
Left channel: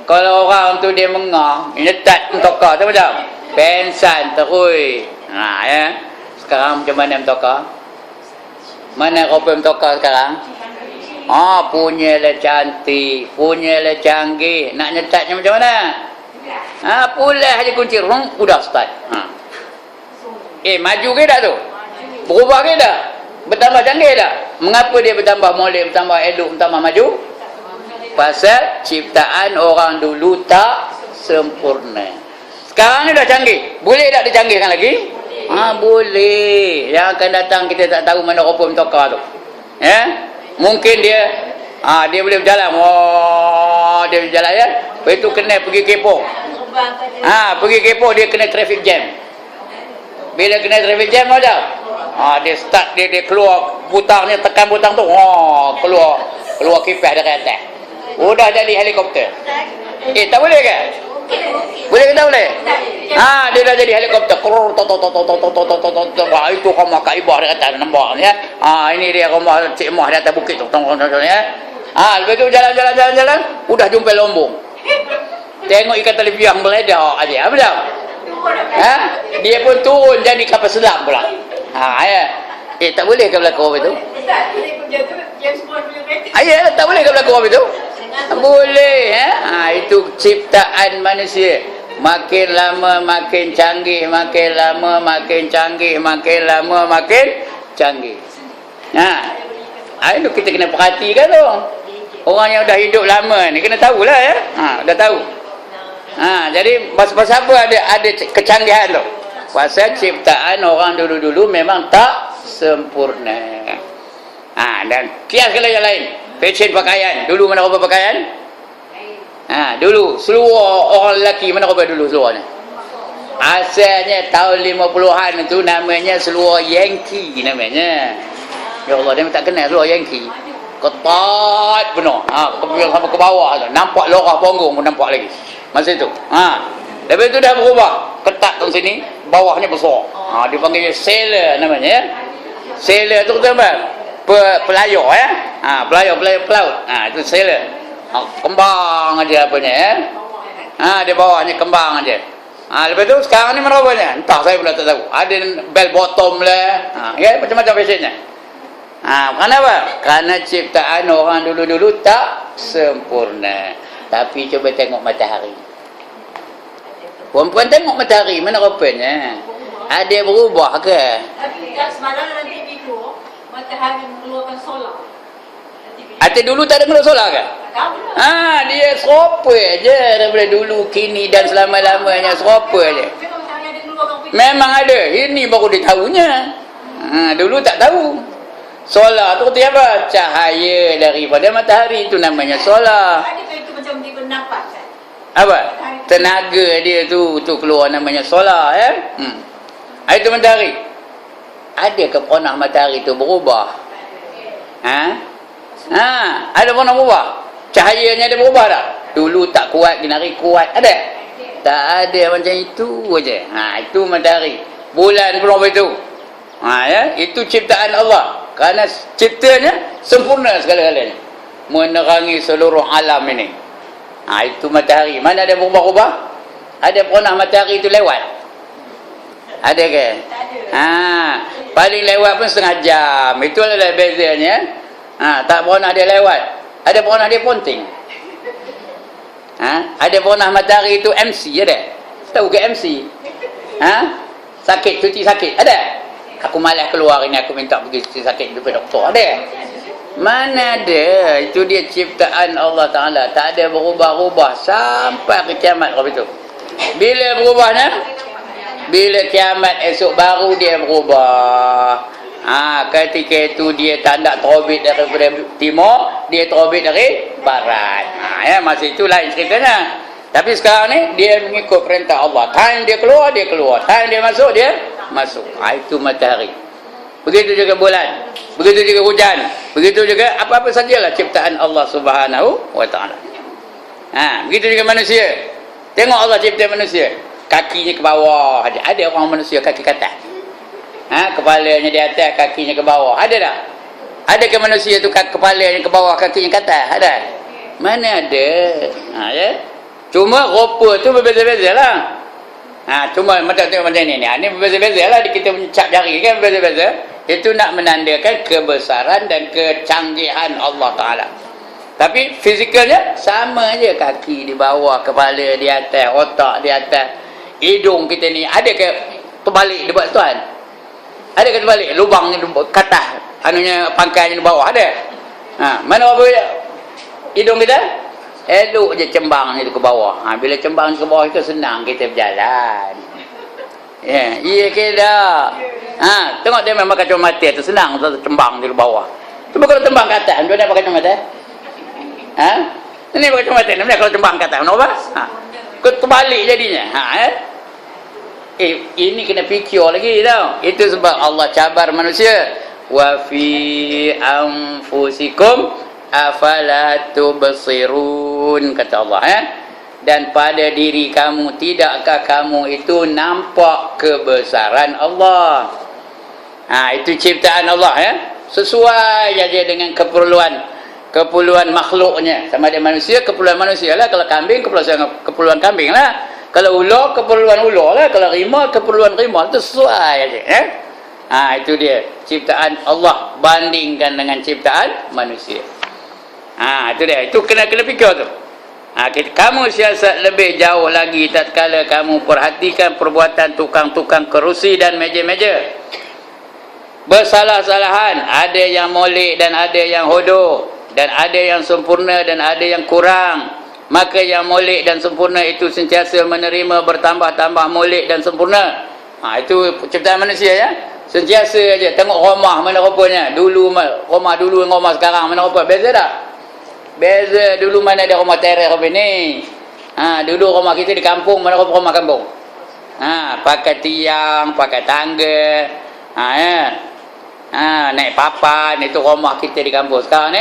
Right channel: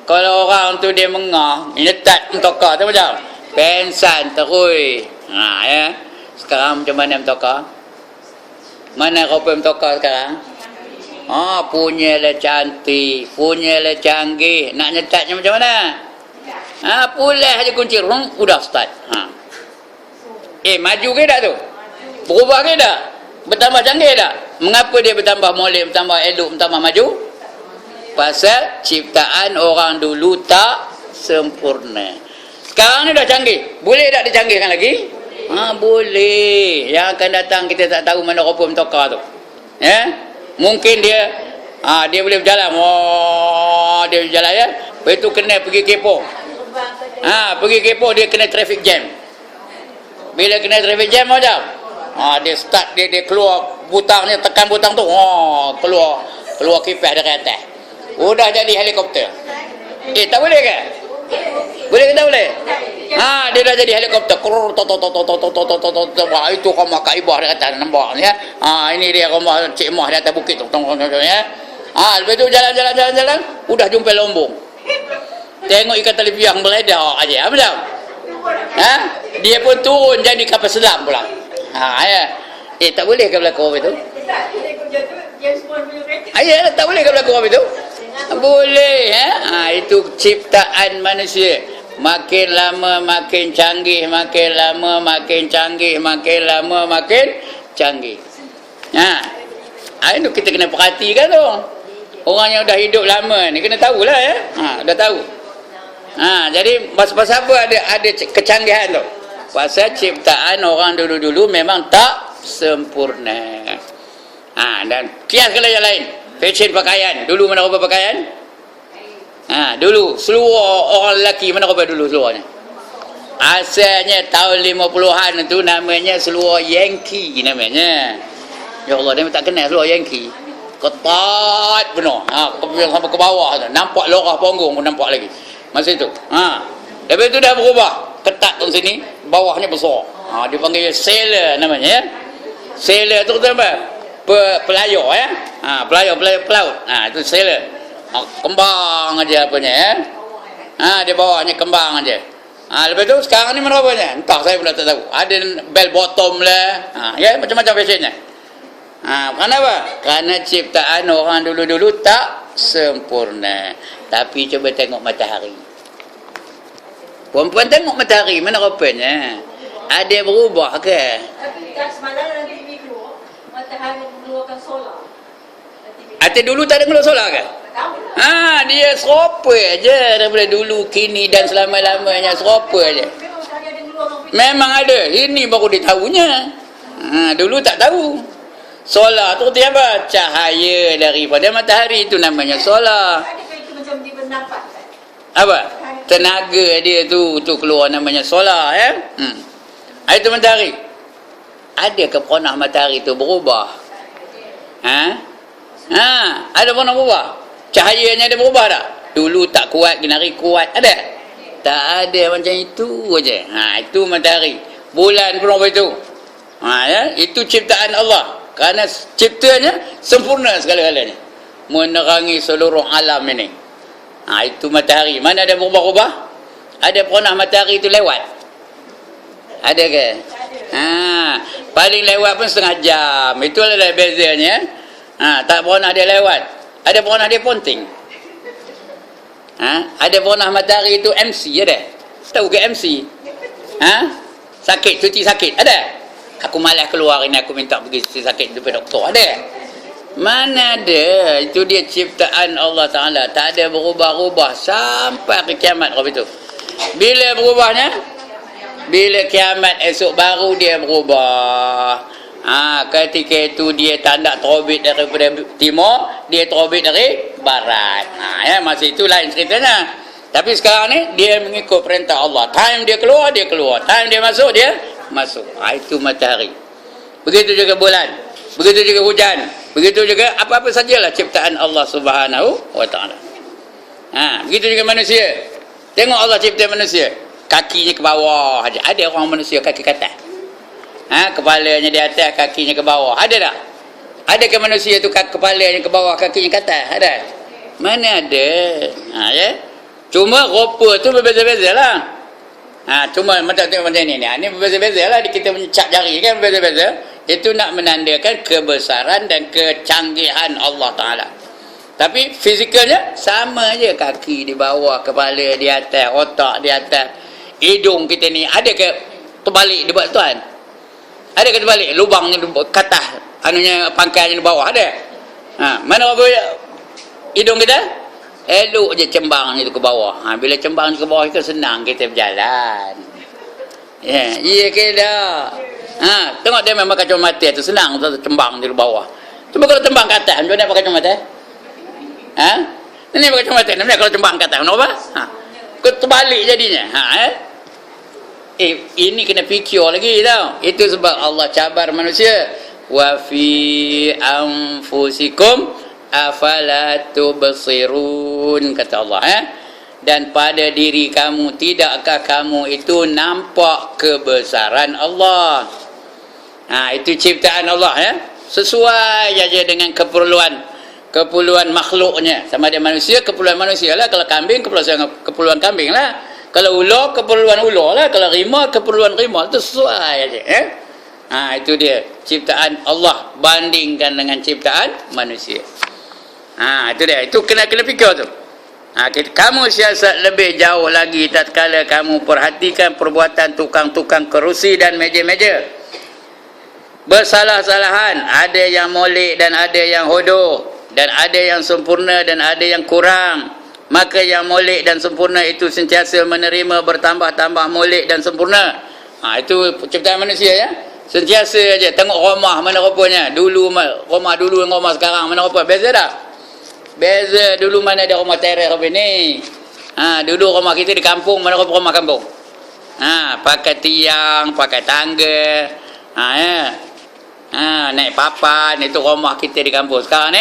Kalau orang tu dia mengah, nyetat tokak tu macam pensan terus. Ya. Sekarang macam mana tokak? Mana rope tokak sekarang? Punyalah cantik, punyalah canggih. Nak nyetatnya macam mana? Pulas aja kunci rung, udah start. Maju ke tak tu? Berubah ke tak? Bertambah canggih tak? Mengapa dia bertambah molek, bertambah elok, bertambah maju? Pasal ciptaan orang dulu tak sempurna. Sekarang ni dah canggih. Boleh tak dicanggihkan lagi? Boleh. Yang akan datang kita tak tahu mana rupa mentokar tu. Ya? Mungkin dia boleh berjalan. Dia berjalan ya. Lepas tu kena pergi kepo. Pergi kepo dia kena traffic jam. Bila kena traffic jam macam? Dia start, dia keluar butangnya, tekan butang tu. Keluar kipas dari atas. Udah jadi helikopter. Tak boleh ke? Boleh ke tak boleh? Dia dah jadi helikopter. Itu rumah Kak Ibah di atas, nampak ya. Ini dia rumah Cik Mah di atas bukit tu. Ya. Lepas tu jalan, udah jumpa lombong. Tengok ikan telebiang meledak aja. Apa dah? Dia pun turun jadi kapal selam pula. Ya. Tak boleh ke berlaku itu? Tak boleh ke berlaku itu? Boleh. Itu ciptaan manusia. Makin lama makin canggih, makin lama makin canggih, makin lama makin canggih. Itu kita kena perhatikan tu. Orang yang dah hidup lama ni kena tahulah ya. Dah tahu. Jadi pasal apa ada kecanggihan tu? Pasal ciptaan orang dulu-dulu memang tak sempurna. Dan kias kalau yang lain. Fashion pakaian. Dulu mana rupa pakaian? Dulu seluar orang lelaki mana rupa dulu seluarnya? Asalnya tahun 50-an tu namanya seluar Yankee namanya. Ya Allah, dia tak kenal seluar Yankee. Ketat penuh. Sampai ke bawah tu. Nampak lorah punggung pun nampak lagi. Masa tu. Lepas tu dah berubah. Ketat kat sini, bawahnya besar. Dipanggil sailor namanya ya. Sailor tu apa? Pelayar ya. Pelayar pelaut. Itu sailor. Kembang aja apanya ya. Di bawahnya kembang aja. Lepas tu sekarang ni mana apanya? Entah, saya pun tak tahu. Ada bell bottom lah. Ya, macam-macam fashionnya. Kenapa? Kerana ciptaan orang dulu-dulu tak sempurna. Tapi cuba tengok matahari. Perempuan tengok matahari, mana rupanya? Ada berubah ke? Tapi semalam nanti video matahari mengeluarkan solar. Atau dulu tak ada keluar solar ke? Tahu lah. Dia serupa je daripada dulu, kini dan selama-lamanya serupa je. Tengok sekarang ada keluarkan video. Memang ada. Ini baru dia tahunya. Dulu tak tahu. Solar tu apa? Cahaya daripada matahari, itu namanya solar. Adakah itu macam dia bernafas kan? Apa? Tenaga dia tu keluar namanya solar ya. Itu matahari. Adakah panah matahari tu berubah? Ada panah berubah? Cahayanya ada berubah tak? Dulu tak kuat, ginari kuat. Ada? Tak ada, macam itu aja. Itu matahari. Bulan pun apa itu? Ya, itu ciptaan Allah. Kerana ciptanya sempurna segala-galanya. Menerangi seluruh alam ini. Itu matahari. Mana ada berubah-ubah? Ada panah matahari itu lewat? Ada ke? Paling lewat pun setengah jam. Itulah bezanya. Tak pernah dia lewat. Ada pernah dia ponting. Ada pernah matahari itu MC ada? Tahu ke MC? Sakit, cuci sakit ada? Aku malas keluar ini, aku minta pergi cuci sakit jumpa doktor. Ada? Mana ada? Itu dia ciptaan Allah Ta'ala. Tak ada berubah-ubah sampai ke kiamat. Bila berubahnya? Bila kiamat esok baru dia berubah. Ketika itu dia tak nak terbit daripada timur, dia terbit dari barat. Masa itu lain ceritanya. Tapi sekarang ni dia mengikut perintah Allah. Time dia keluar, dia keluar. Time dia masuk, dia masuk. Itu matahari. Begitu juga bulan. Begitu juga hujan. Begitu juga apa-apa sajalah ciptaan Allah Subhanahu wa Ta'ala. Begitu juga manusia. Tengok Allah cipta manusia. Kakinya ke bawah aja. Ada orang manusia kaki ke atas. Kepalanya di atas, kakinya ke bawah. Ada tak? Ada ke manusia tu kepalanya ke bawah, kakinya ke atas? Ada? Mana ada? Ya? Cuma rupa tu berbeza-beza lah. Cuma macam tengok macam ni. Ini berbeza-beza lah. Kita mencap jari kan berbeza-beza. Itu nak menandakan kebesaran dan kecanggihan Allah Ta'ala. Tapi fizikalnya sama je. Kaki di bawah, kepala di atas, otak di atas. Hidung kita ni ada ke terbalik di bawah tuan? Ada ke terbalik? Lubang ni katah, anunya pangkainya di bawah ada? Mana apa hidung kita? Elok je cembang ni ke bawah. Bila cembang ke bawah itu senang kita berjalan. Iya ke dah? Tengok dia memang kacamata tu senang cembang di bawah. Cuma kalau tembang ke atas, macam mana pakai kacamata? Ini pakai kacamata, namanya kalau cembang ke atas, kenapa? Terbalik jadinya. Ini kena fikir lagi tau. Itu sebab Allah cabar manusia. Wa fi anfusikum afala tubsirun, kata Allah. Dan pada diri kamu, tidakkah kamu itu nampak kebesaran Allah? Itu ciptaan Allah ya. Sesuai aja dengan keperluan makhluknya. Sama ada manusia, keperluan manusia lah. Kalau kambing, keperluan kambing lah. Kalau ular, keperluan ular lah. Kalau rimau, keperluan rimau. Itu sesuai aja. Itu dia. Ciptaan Allah bandingkan dengan ciptaan manusia. Itu dia. Itu kena fikir tu. Kamu siasat lebih jauh lagi tatkala kamu perhatikan perbuatan tukang-tukang kerusi dan meja-meja. Bersalah-salahan. Ada yang molek dan ada yang hodoh. dan ada yang sempurna dan ada yang kurang. Maka yang molek dan sempurna itu sentiasa menerima bertambah-tambah molek dan sempurna. Itu ciptaan manusia ya. Sentiasa aja tengok rumah mana rupanya. Dulu rumah dulu dengan rumah sekarang mana rupa. Beza tak? Beza. Dulu mana ada rumah teres apa ni. Dulu rumah kita di kampung, mana rupa rumah kampung. Pakai tiang, pakai tangga. Naik papan, itu rumah kita di kampung. Sekarang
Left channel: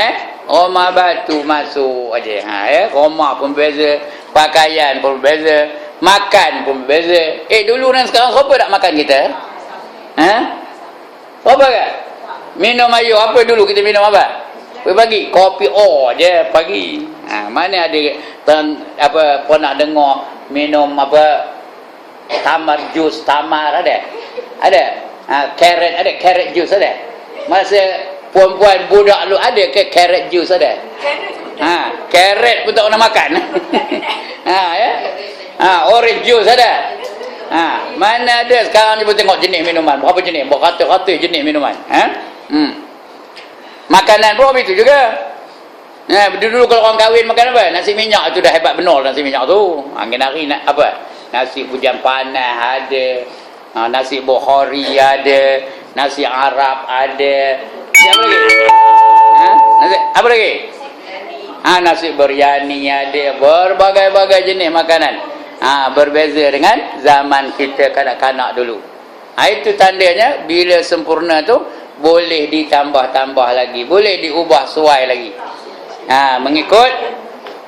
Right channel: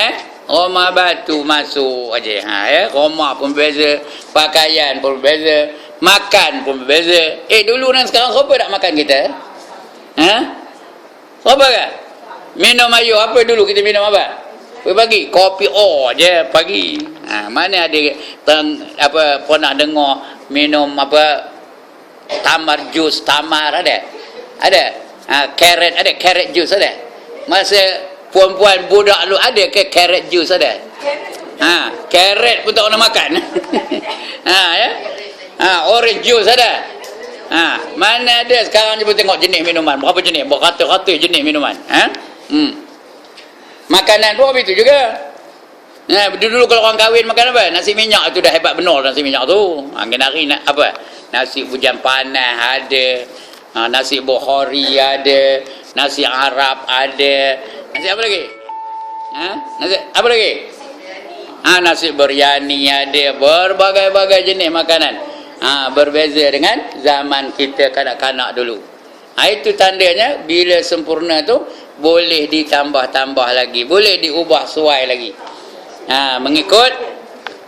ni rumah batu masuk aja. Rumah pun beza, pakaian pun beza, makan pun beza. Dulu dan sekarang siapa tak makan kita? Siapa ke? Minum air apa dulu kita minum apa? Pagi kopi je pagi. Mana ada pernah dengar minum tamar jus tamar ada? Carrot jus ada? Masa puan-puan budak lu ada ke carrot jus ada? Carrot pun tak nak makan. Orange juice ada? Mana ada sekarang ni pun tengok jenis minuman. Berapa jenis? Berkata-kata jenis minuman. Makanan pun itu juga. Dulu kalau orang kahwin makan apa? Nasi minyak itu dah hebat benar nasi minyak tu. Hari nak apa? Nasi hujan panas ada. Nasi Bukhari ada, nasi Arab ada. Nasi apa lagi? Nasi apa lagi? Nasi biryani ada, berbagai-bagai jenis makanan. Berbeza dengan zaman kita kanak-kanak dulu. Itu tandanya bila sempurna tu boleh ditambah-tambah lagi, boleh diubah suai lagi.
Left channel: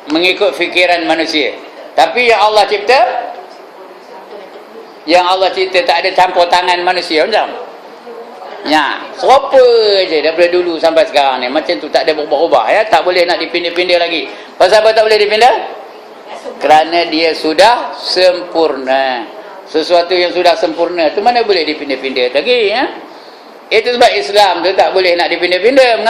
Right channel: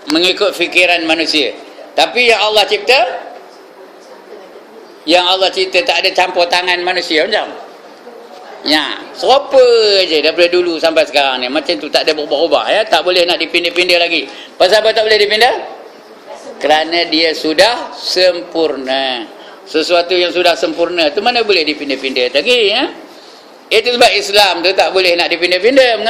Mengikut fikiran manusia. Tapi yang Allah cipta, tak ada campur tangan manusia macam. Serupa je daripada dulu sampai sekarang ni. Macam tu, tak ada berubah-ubah ya. Tak boleh nak dipindah-pindah lagi. Pasal apa tak boleh dipindah? Kerana dia sudah sempurna. Sesuatu yang sudah sempurna tu mana boleh dipindah-pindah lagi ya. Itu sebab Islam tu tak boleh nak dipindah-pindah.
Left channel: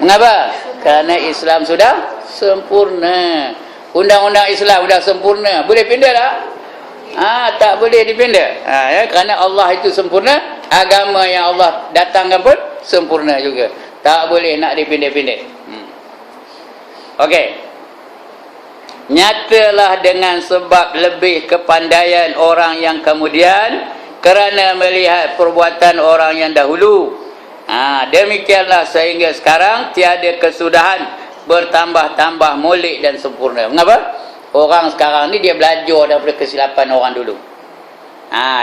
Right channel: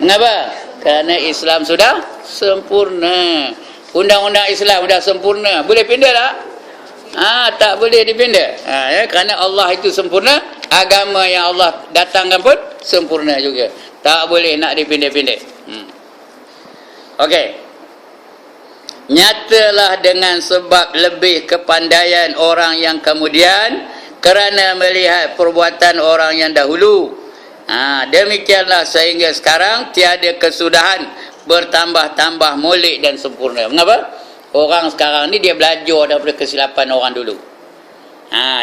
Mengapa? Kerana Islam sudah sempurna. Undang-undang Islam sudah sempurna. Boleh pindah tak? Tak boleh dipindah. Kerana Allah itu sempurna, agama yang Allah datangkan pun sempurna juga. Tak boleh nak dipindah-pindah. Okey. Nyatalah dengan sebab lebih kepandaian orang yang kemudian kerana melihat perbuatan orang yang dahulu. Demikianlah sehingga sekarang tiada kesudahan, bertambah-tambah molek dan sempurna. Mengapa? Orang sekarang ni dia belajar daripada kesilapan orang dulu.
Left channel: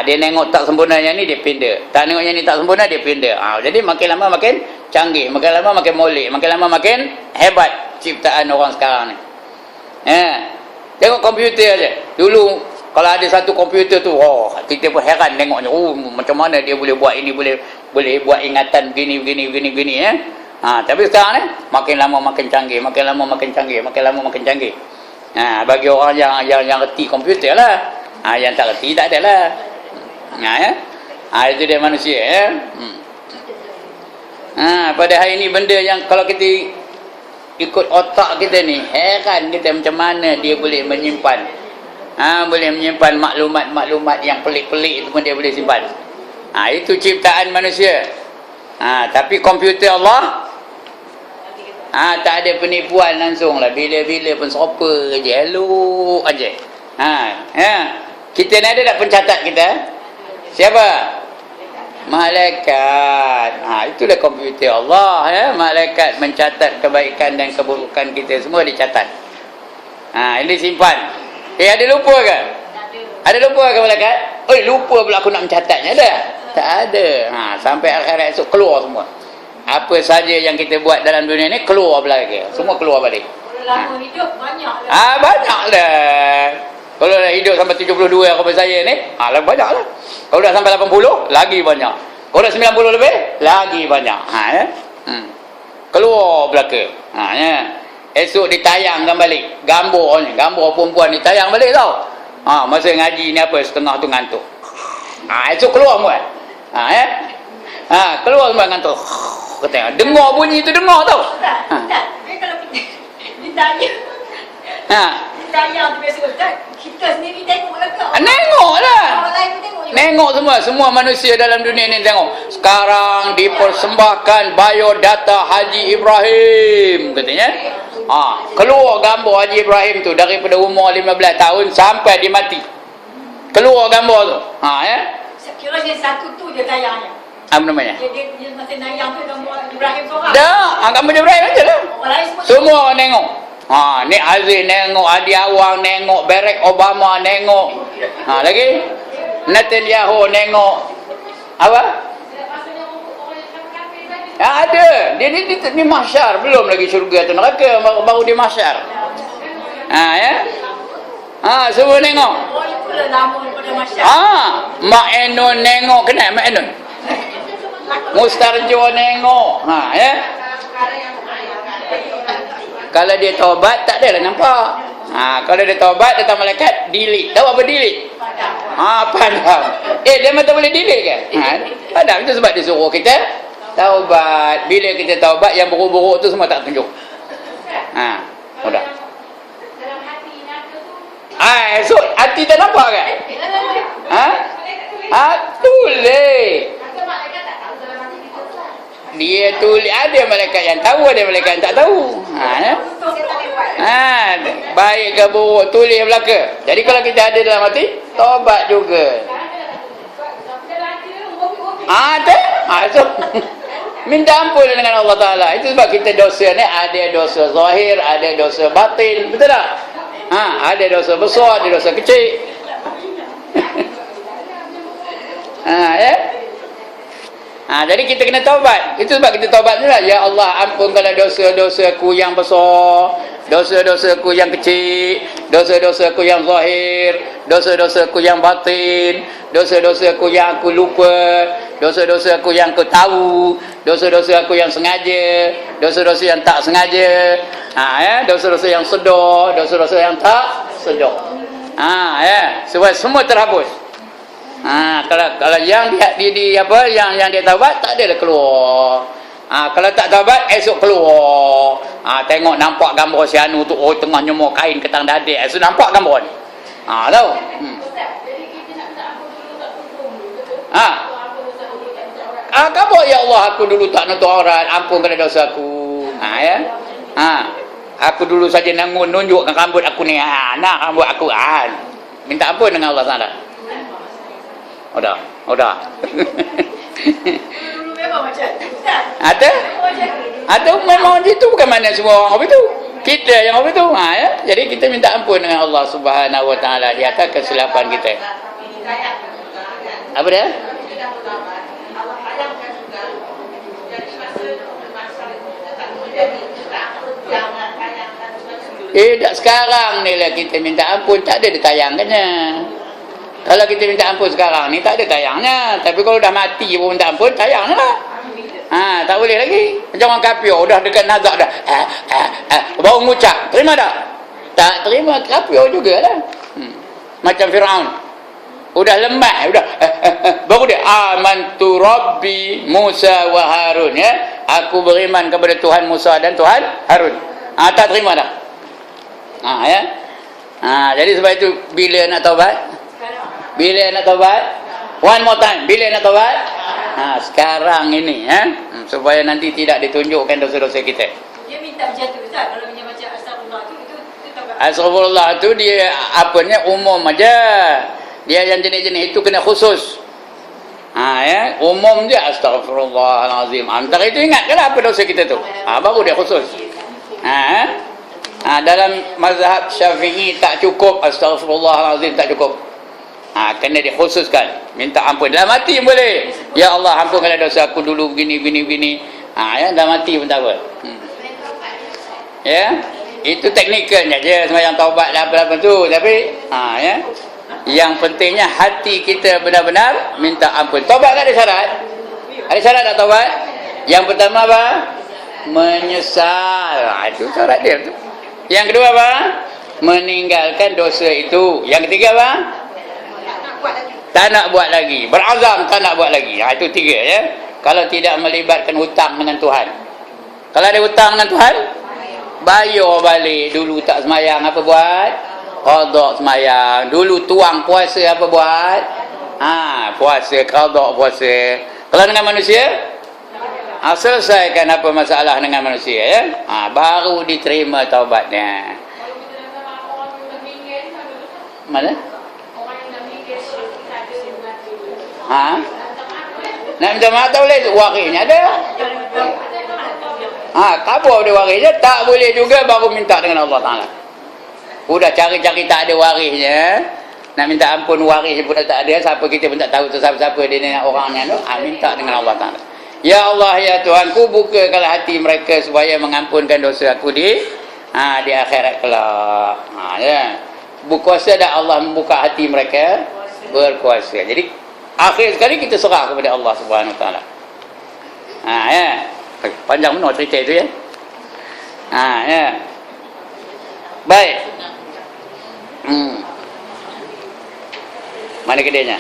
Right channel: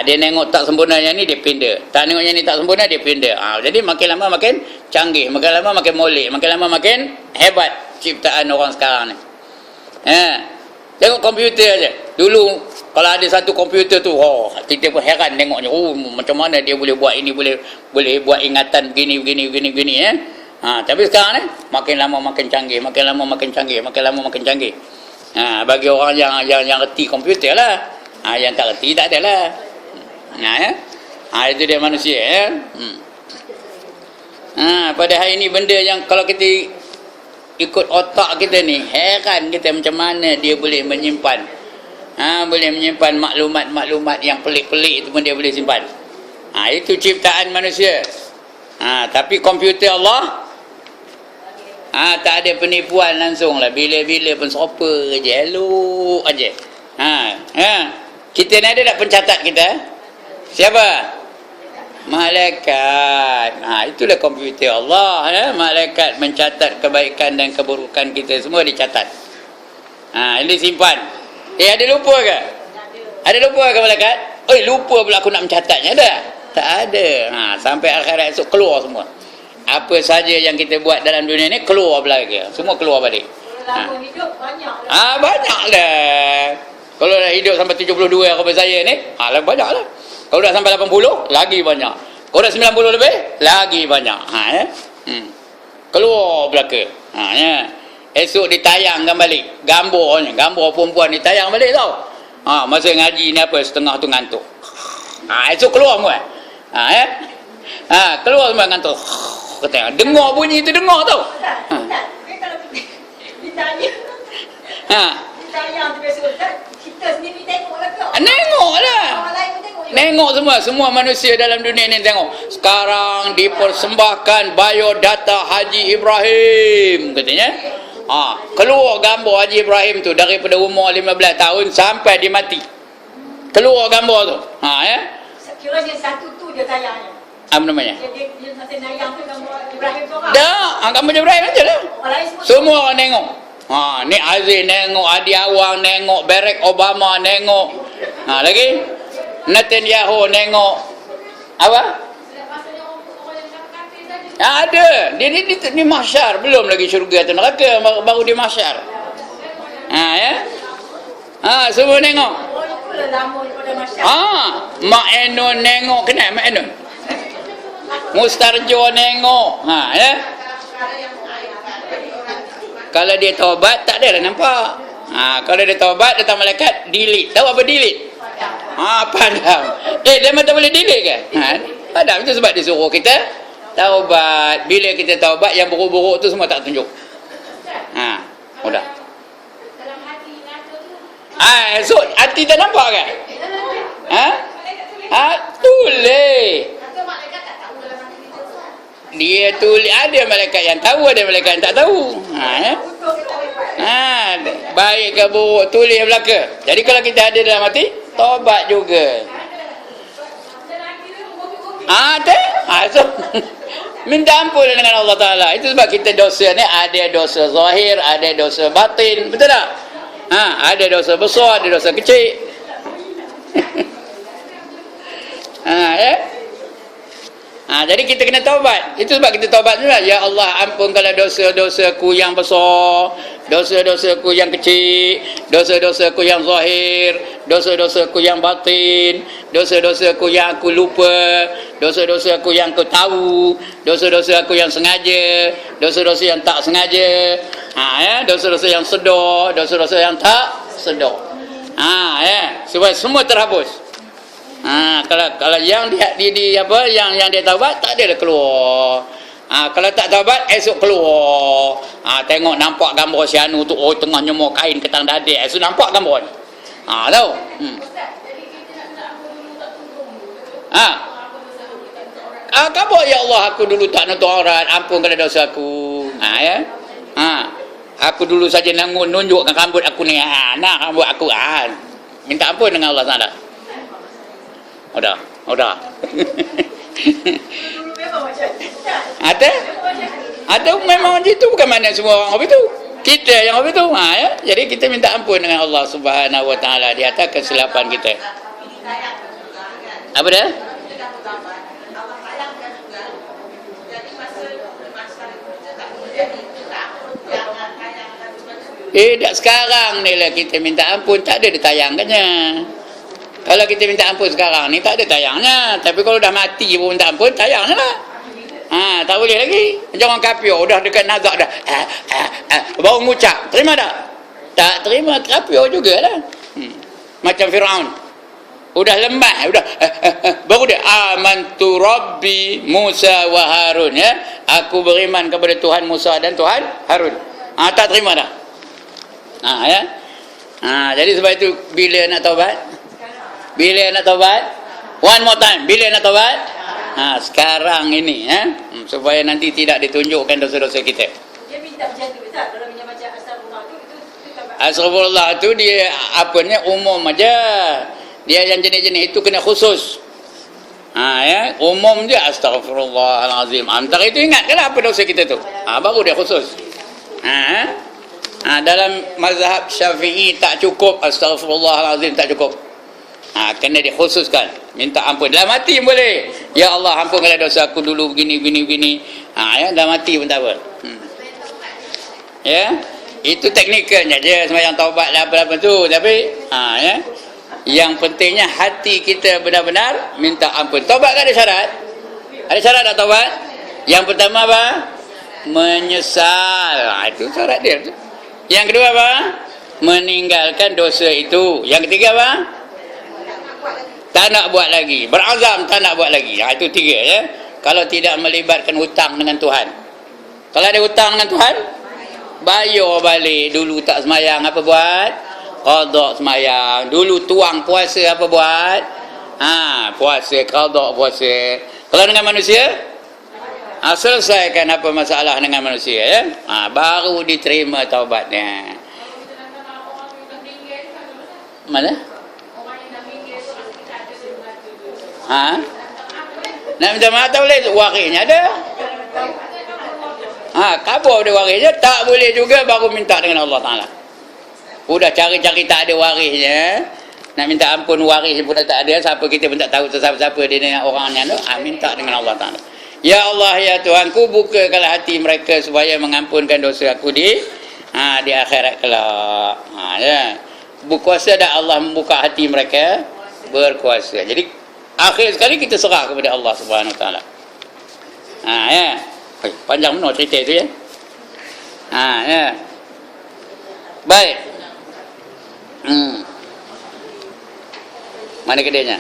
Dia tengok tak sempurnanya ni dia pindah. Tak tengoknya ni tak sempurna dia pindah. Jadi makin lama makin canggih, makin lama makin molek, makin lama makin hebat ciptaan orang sekarang ni. Tengok komputer aja. Dulu kalau ada satu komputer tu, kita pun heran tengoknya. Macam mana dia boleh buat ini, boleh buat ingatan begini. Tapi sekarang ni makin lama makin canggih, makin lama makin canggih, makin lama makin canggih. Bagi orang yang reti komputer lah. Yang tak reti tak adalah. Itu dia manusia ya. Pada hari ni benda yang kalau kita ikut otak kita ni, heran kita macam mana dia boleh menyimpan. Boleh menyimpan maklumat-maklumat yang pelik-pelik itu pun dia boleh simpan. Itu ciptaan manusia. Tapi komputer Allah tak ada penipuan langsung lah. Bila-bila pun serupa je, elok aje. Kita ni ada tak pencatat kita? Siapa? Malaikat. Itulah komputer Allah ya. Malaikat mencatat kebaikan dan keburukan kita semua dicatat. Ini simpan. Ada lupa ke? Ada lupa ke malaikat? Lupa pula aku nak mencatatnya ada? Tak ada. Sampai akhirat esok keluar semua. Apa saja yang kita buat dalam dunia ni keluar belakang. Semua keluar balik. Kalau lama hidup banyak lah. Banyak dah. Kalau dah hidup sampai 72 apa saya ni, banyak lah. Kalau dah sampai 80, lagi banyak. Kalau dah 90 lebih, lagi banyak. Keluar belakang. Esok ditayangkan balik. Gambar perempuan ditayang balik tau. Masa ngaji ni apa, setengah tu ngantuk. Esok keluar semua. Keluar semua ngantuk. Kata, dengar bunyi tu dengar tau. Kalau ditanya tu biasa Ustaz, kita sendiri tengok lah ke? Tengok lah. Orang lain pun tengok Nengok semua manusia dalam dunia ni tengok. Sekarang dipersembahkan biodata Haji Ibrahim katanya. Keluar gambar Haji Ibrahim tu daripada umur 15 tahun sampai dia mati. Keluar gambar tu. Ya. Kira dia satu tu dia tayangnya. Apa namanya? Dia masih nayang tu gambar Ibrahim seorang. Dah, gambar Ibrahim aja lah. Orang lain Semua orang tengok. Ni Aziz nengok, Adi Awang nengok, Barack Obama nengok. Lagi Netanyahu nengok. Apa? Ada. Dia ni mahsyar, belum lagi syurga tu neraka, baru dia mahsyar. Ya. Semua tengok. Oh, itulah lama daripada masyarakat. Mak Enon nengok, kenal Mak Enon? Mustarjo nengok. Ya. Kalau dia taubat tak adalah nampak. Kalau dia taubat datang malaikat delete. Tahu apa delete? Padam. Dia memang tak boleh delete ke? Padam itu sebab dia suruh kita taubat. Bila kita taubat yang buruk-buruk tu semua tak tunjuk. Udah. So hati tak nampak ke? Tulis. Dia tulis, ada malaikat yang tahu, ada malaikat yang tak tahu. Baik ke buruk tulis belaka. Jadi kalau kita ada dalam hati, taubat juga. So minta ampun dengan Allah Ta'ala. Itu sebab kita dosa ni ada dosa zahir, ada dosa batin. Betul tak? Ada dosa besar, ada dosa kecil. Ya. Jadi kita kena taubat. Itu sebab kita taubat juga. Ya Allah, ampunkanlah dosa-dosaku yang besar, dosa-dosaku yang kecil, dosa-dosaku yang zahir, dosa-dosaku yang batin, dosa-dosaku yang aku lupa, dosa-dosaku yang aku tahu, dosa-dosaku yang sengaja, dosa-dosa yang tak sengaja. Dosa-dosa yang sedar, dosa-dosa yang tak sedar. Ya, supaya semua terhapus. Kalau yang yang dia taubat tak ada dah keluar. Kalau tak taubat esok keluar. Tengok nampak gambar si Anu tu tengah nyemur kain ketang dadik. Esok nampak gambar ni. Tahu. Gambar ya Allah aku dulu tak nutup aurat, ampunkan dosa aku. Ya. Aku dulu saja nunjukkan rambut aku ni. Rambut aku. Minta ampun dengan Allah Taala. Udah. Dulu memang macam Ada memang itu bukan mana semua orang begitu. Kita yang begitu. Ya. Jadi kita minta ampun dengan Allah Subhanahu Wa Taala di atas kesilapan kita. Apa dia? Tak sekarang ni lah kita minta ampun, tak ada ditayangkannya. Kalau kita minta ampun sekarang ni tak ada tayangnya. Tapi kalau dah mati pun minta ampun, tayangnya lah. Tak boleh lagi. Macam orang kafir dah dekat nazak dah. Baru ngucap. Terima tak? Tak terima, kafir juga lah. Macam Firaun. Udah lemah, baru dia amantu Rabbi Musa wa Harun, ya. Aku beriman kepada Tuhan Musa dan Tuhan Harun. Tak terima dah. Ya. Jadi sebab itu bila nak taubat? Bila nak taubat? One more time. Bila nak taubat? Sekarang ini, ya. Supaya nanti tidak ditunjukkan dosa-dosa kita. Dia minta macam tu, Ustaz. Kalau macam astagfirullah tu, itu taubat. Astagfirullah tu dia apanya umum aja. Dia yang jenis-jenis itu kena khusus. Ya, umum dia astagfirullahalazim. Antara itu ingatkanlah apa dosa kita tu. Baru dia khusus. Dalam mazhab Syafi'i tak cukup astagfirullahalazim, tak cukup. Kena dikhususkan, minta ampun dalam hati pun boleh. Ya Allah, ampunkanlah dosa aku dulu begini. Ya, dalam hati pun tak apa. Ya, itu teknikalnya je sembahyang taubat lah apa-apa tu. Tapi ya, yang pentingnya hati kita benar-benar minta ampun. Taubat kan ada syarat? Ada syarat tak taubat? Yang pertama apa? Menyesal. Itu syarat dia tu. Yang kedua apa? Meninggalkan dosa itu. Yang ketiga apa? Tak nak buat lagi. Berazam tak nak buat lagi. Itu tiga, ya. Kalau tidak melibatkan hutang dengan Tuhan. Kalau ada hutang dengan Tuhan, bayar balik. Dulu tak semayang apa buat? Qadha semayang. Dulu tuang puasa apa buat? Puasa, qada puasa. Kalau dengan manusia, selesaikan apa masalah dengan manusia ya. Baru diterima taubatnya. Mana? Nak minta maaf tak boleh, warisnya ada. Kabur dia warisnya, tak boleh juga baru minta dengan Allah Ta'ala. Udah cari-cari tak ada warisnya, nak minta ampun waris pun tak ada, siapa kita pun tak tahu siapa-siapa dia nak orangnya tu, minta dengan Allah Ta'ala. Ya Allah, ya Tuhanku, bukakanlah hati mereka supaya mengampunkan dosa aku di akhirat kelak. Ya. Berkuasa dah Allah membuka hati mereka, berkuasa. Jadi akhir sekali kita serah kepada Allah Subhanahu Wa Taala. Ya. Panjang benar cerita itu ya. Ya. Baik. Mana kedainya?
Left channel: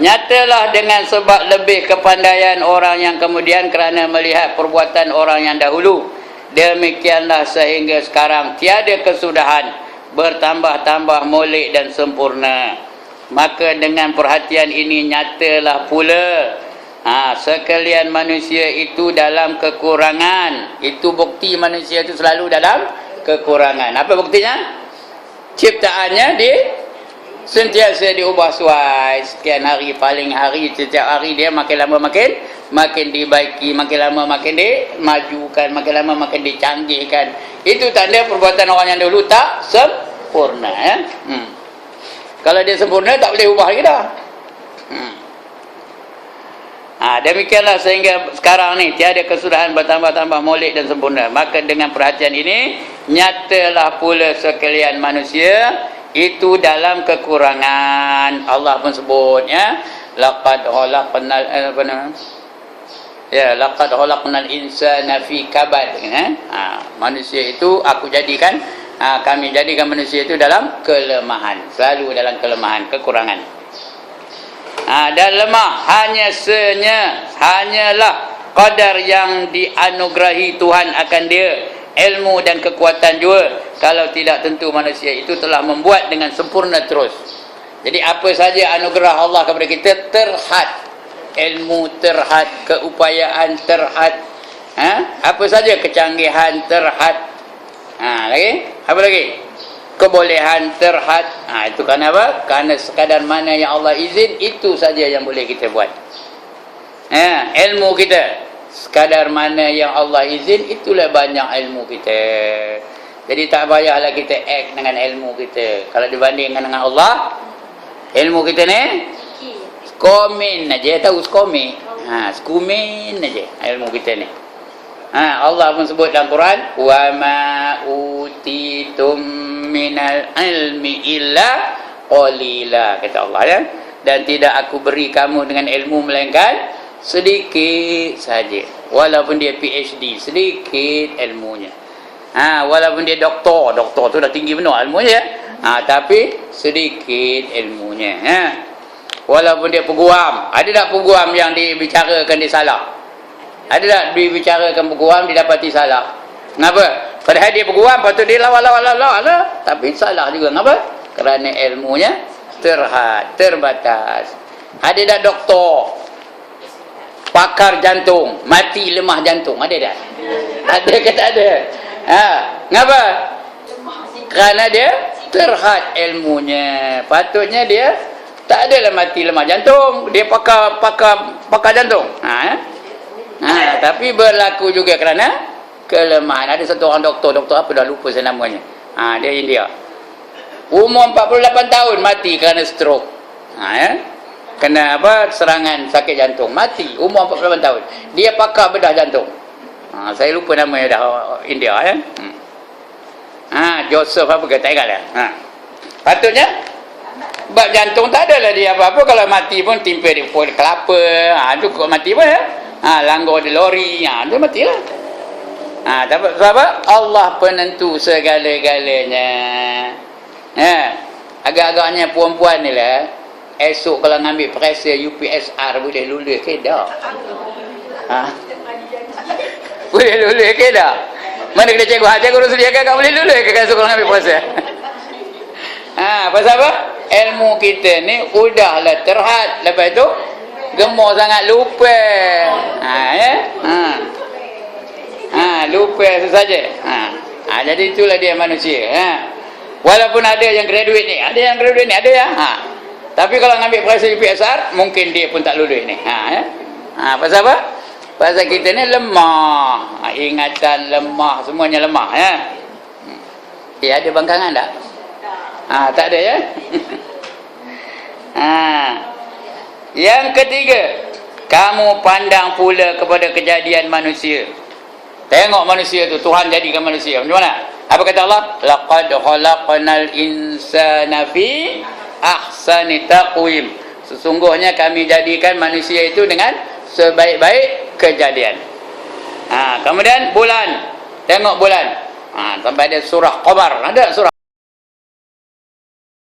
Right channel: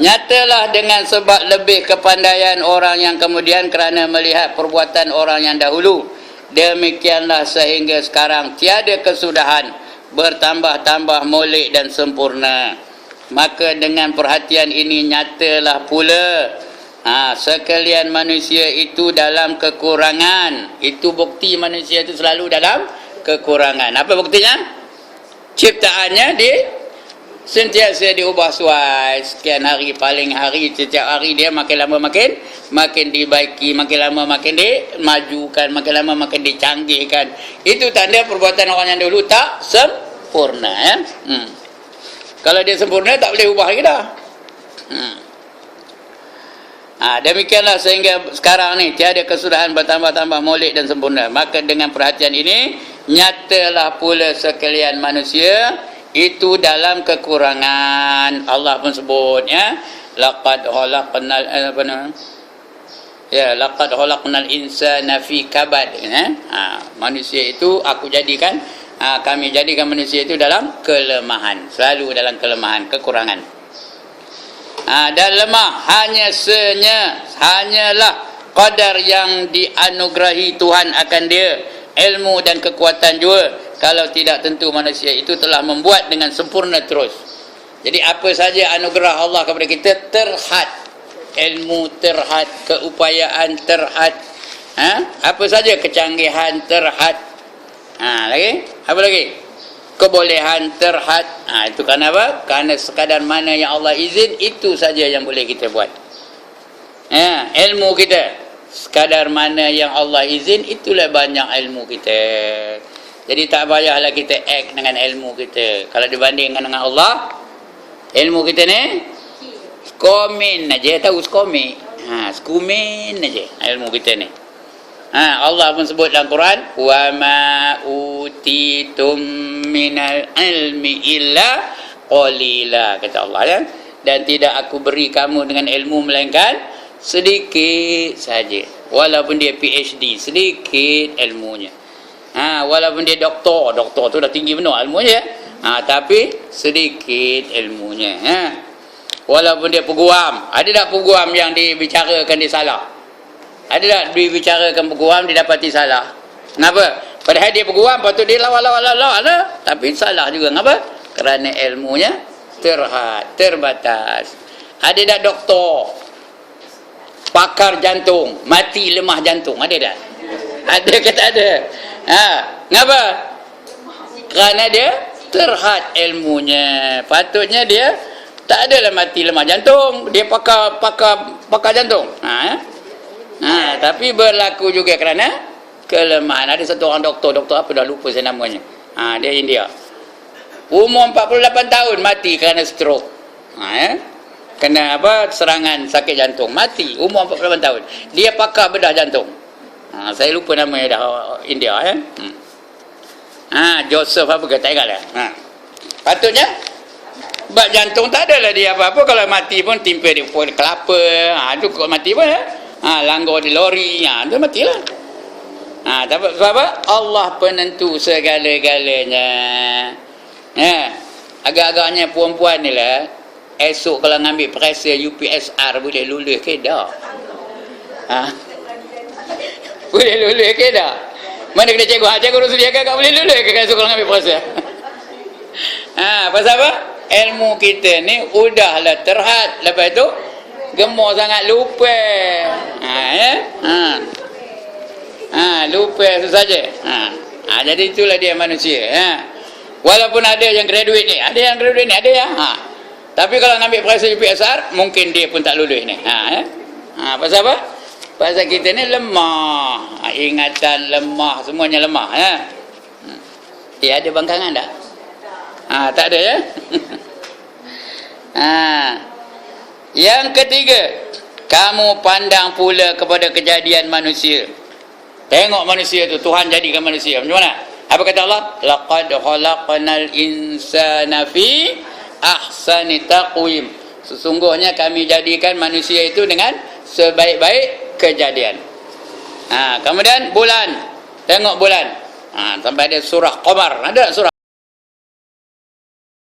Nyatalah dengan sebab lebih kepandaian orang yang kemudian kerana melihat perbuatan orang yang dahulu. Demikianlah sehingga sekarang tiada kesudahan, bertambah-tambah molek dan sempurna. Maka dengan perhatian ini nyatalah pula sekalian manusia itu dalam kekurangan. Itu bukti manusia itu selalu dalam kekurangan. Apa buktinya? Ciptaannya sentiasa diubah suai. Sekian hari, paling hari, setiap hari dia makin lama makin dibaiki, makin lama makin dimajukan, makin lama makin dicanggihkan. Itu tanda perbuatan orang yang dulu tak sempurna ya. Kalau dia sempurna tak boleh ubah lagi dah. Demikianlah sehingga sekarang ni tiada kesudahan, bertambah-tambah molek dan sempurna. Maka dengan perhatian ini nyatalah pula sekalian manusia itu dalam kekurangan. Allah pun sebut ya, laqad khalaqnal insana fi kabad ya. Manusia itu aku jadikan, kami jadikan manusia itu dalam kelemahan, selalu dalam kelemahan, kekurangan. Dan lemah hanyalah qadar yang dianugerahi Tuhan akan dia, ilmu dan kekuatan juga. Kalau tidak tentu manusia itu telah membuat dengan sempurna terus. Jadi apa saja anugerah Allah kepada kita terhad, ilmu terhad, keupayaan terhad, apa saja kecanggihan terhad, lagi apa lagi, kebolehan terhad. Itu kerana apa? Kerana sekadar mana yang Allah izin, itu saja yang boleh kita buat. Ilmu kita sekadar mana yang Allah izin, itulah banyak ilmu kita. Jadi tak payahlah kita act dengan ilmu kita. Kalau dibandingkan dengan Allah, ilmu kita ni skomin aja, tahu skomin? Skomin aja ilmu kita ni. Allah pun sebut dalam Quran, wa ma utitum minal ilmi illa qalila, kata Allah ya. Dan tidak aku beri kamu dengan ilmu melainkan sedikit saja. Walaupun dia PhD, sedikit ilmunya. Walaupun dia doktor tu dah tinggi benar ilmunya, tapi sedikit ilmunya. Walaupun dia peguam, ada tak peguam yang dibicarakan dia salah? Ada tak dibicarakan peguam didapati salah? Kenapa? Padahal dia peguam, patut dia lawa, tapi salah juga. Kenapa? Kerana ilmunya terhad, terbatas. Ada tak doktor pakar jantung mati lemah jantung? Ada tak? Ada ke tak ada? Kenapa? Kerana dia terhad ilmunya. Patutnya dia tak adalah mati lemah jantung, dia pakar jantung. Tapi berlaku juga kerana kelemahan. Ada satu orang doktor apa dah lupa saya namanya. Dia India. Umur 48 tahun mati kerana stroke. Kena serangan sakit jantung, mati umur 48 tahun. Dia pakar bedah jantung. Saya lupa namanya dah, India ya. Joseph apa ke, tak ingat dah. Patutnya bab jantung tak adalah dia apa-apa. Kalau mati pun timpa di pohon kelapa, tu kau mati pun ya. Langgar di lori, tu matilah. Sebab apa? Allah penentu segala-galanya. Agak-agaknya perempuan ni lah, esok kalau ngambil periksa UPSR boleh lulus ke dah? Boleh lulus ke dah? Mana kena cikgu sediakan kau boleh lulus ke esok kalau ngambil periksa? Pasal apa? ilmu kita ni udahlah terhad, lepas tu gemuk sangat lupa. Ya. Lupa saja. Jadi itulah dia manusia. Walaupun ada yang graduate ni, ada ya. Tapi kalau ngambil periksa PSR, mungkin dia pun tak lulus ni. Ya. Pasal apa? Pasal kita ni lemah. Ingatan lemah, semuanya lemah ya. Ada bangkangan tak? Tak ada ya. Yang ketiga, kamu pandang pula kepada kejadian manusia. Tengok manusia tu, Tuhan jadikan manusia macam mana? Apa kata Allah? Laqad khalaqnal insana fi ahsani taqwim. Sesungguhnya kami jadikan manusia itu dengan sebaik-baik kejadian. Kemudian bulan. Tengok bulan. Sampai ada surah Qamar. Ada surah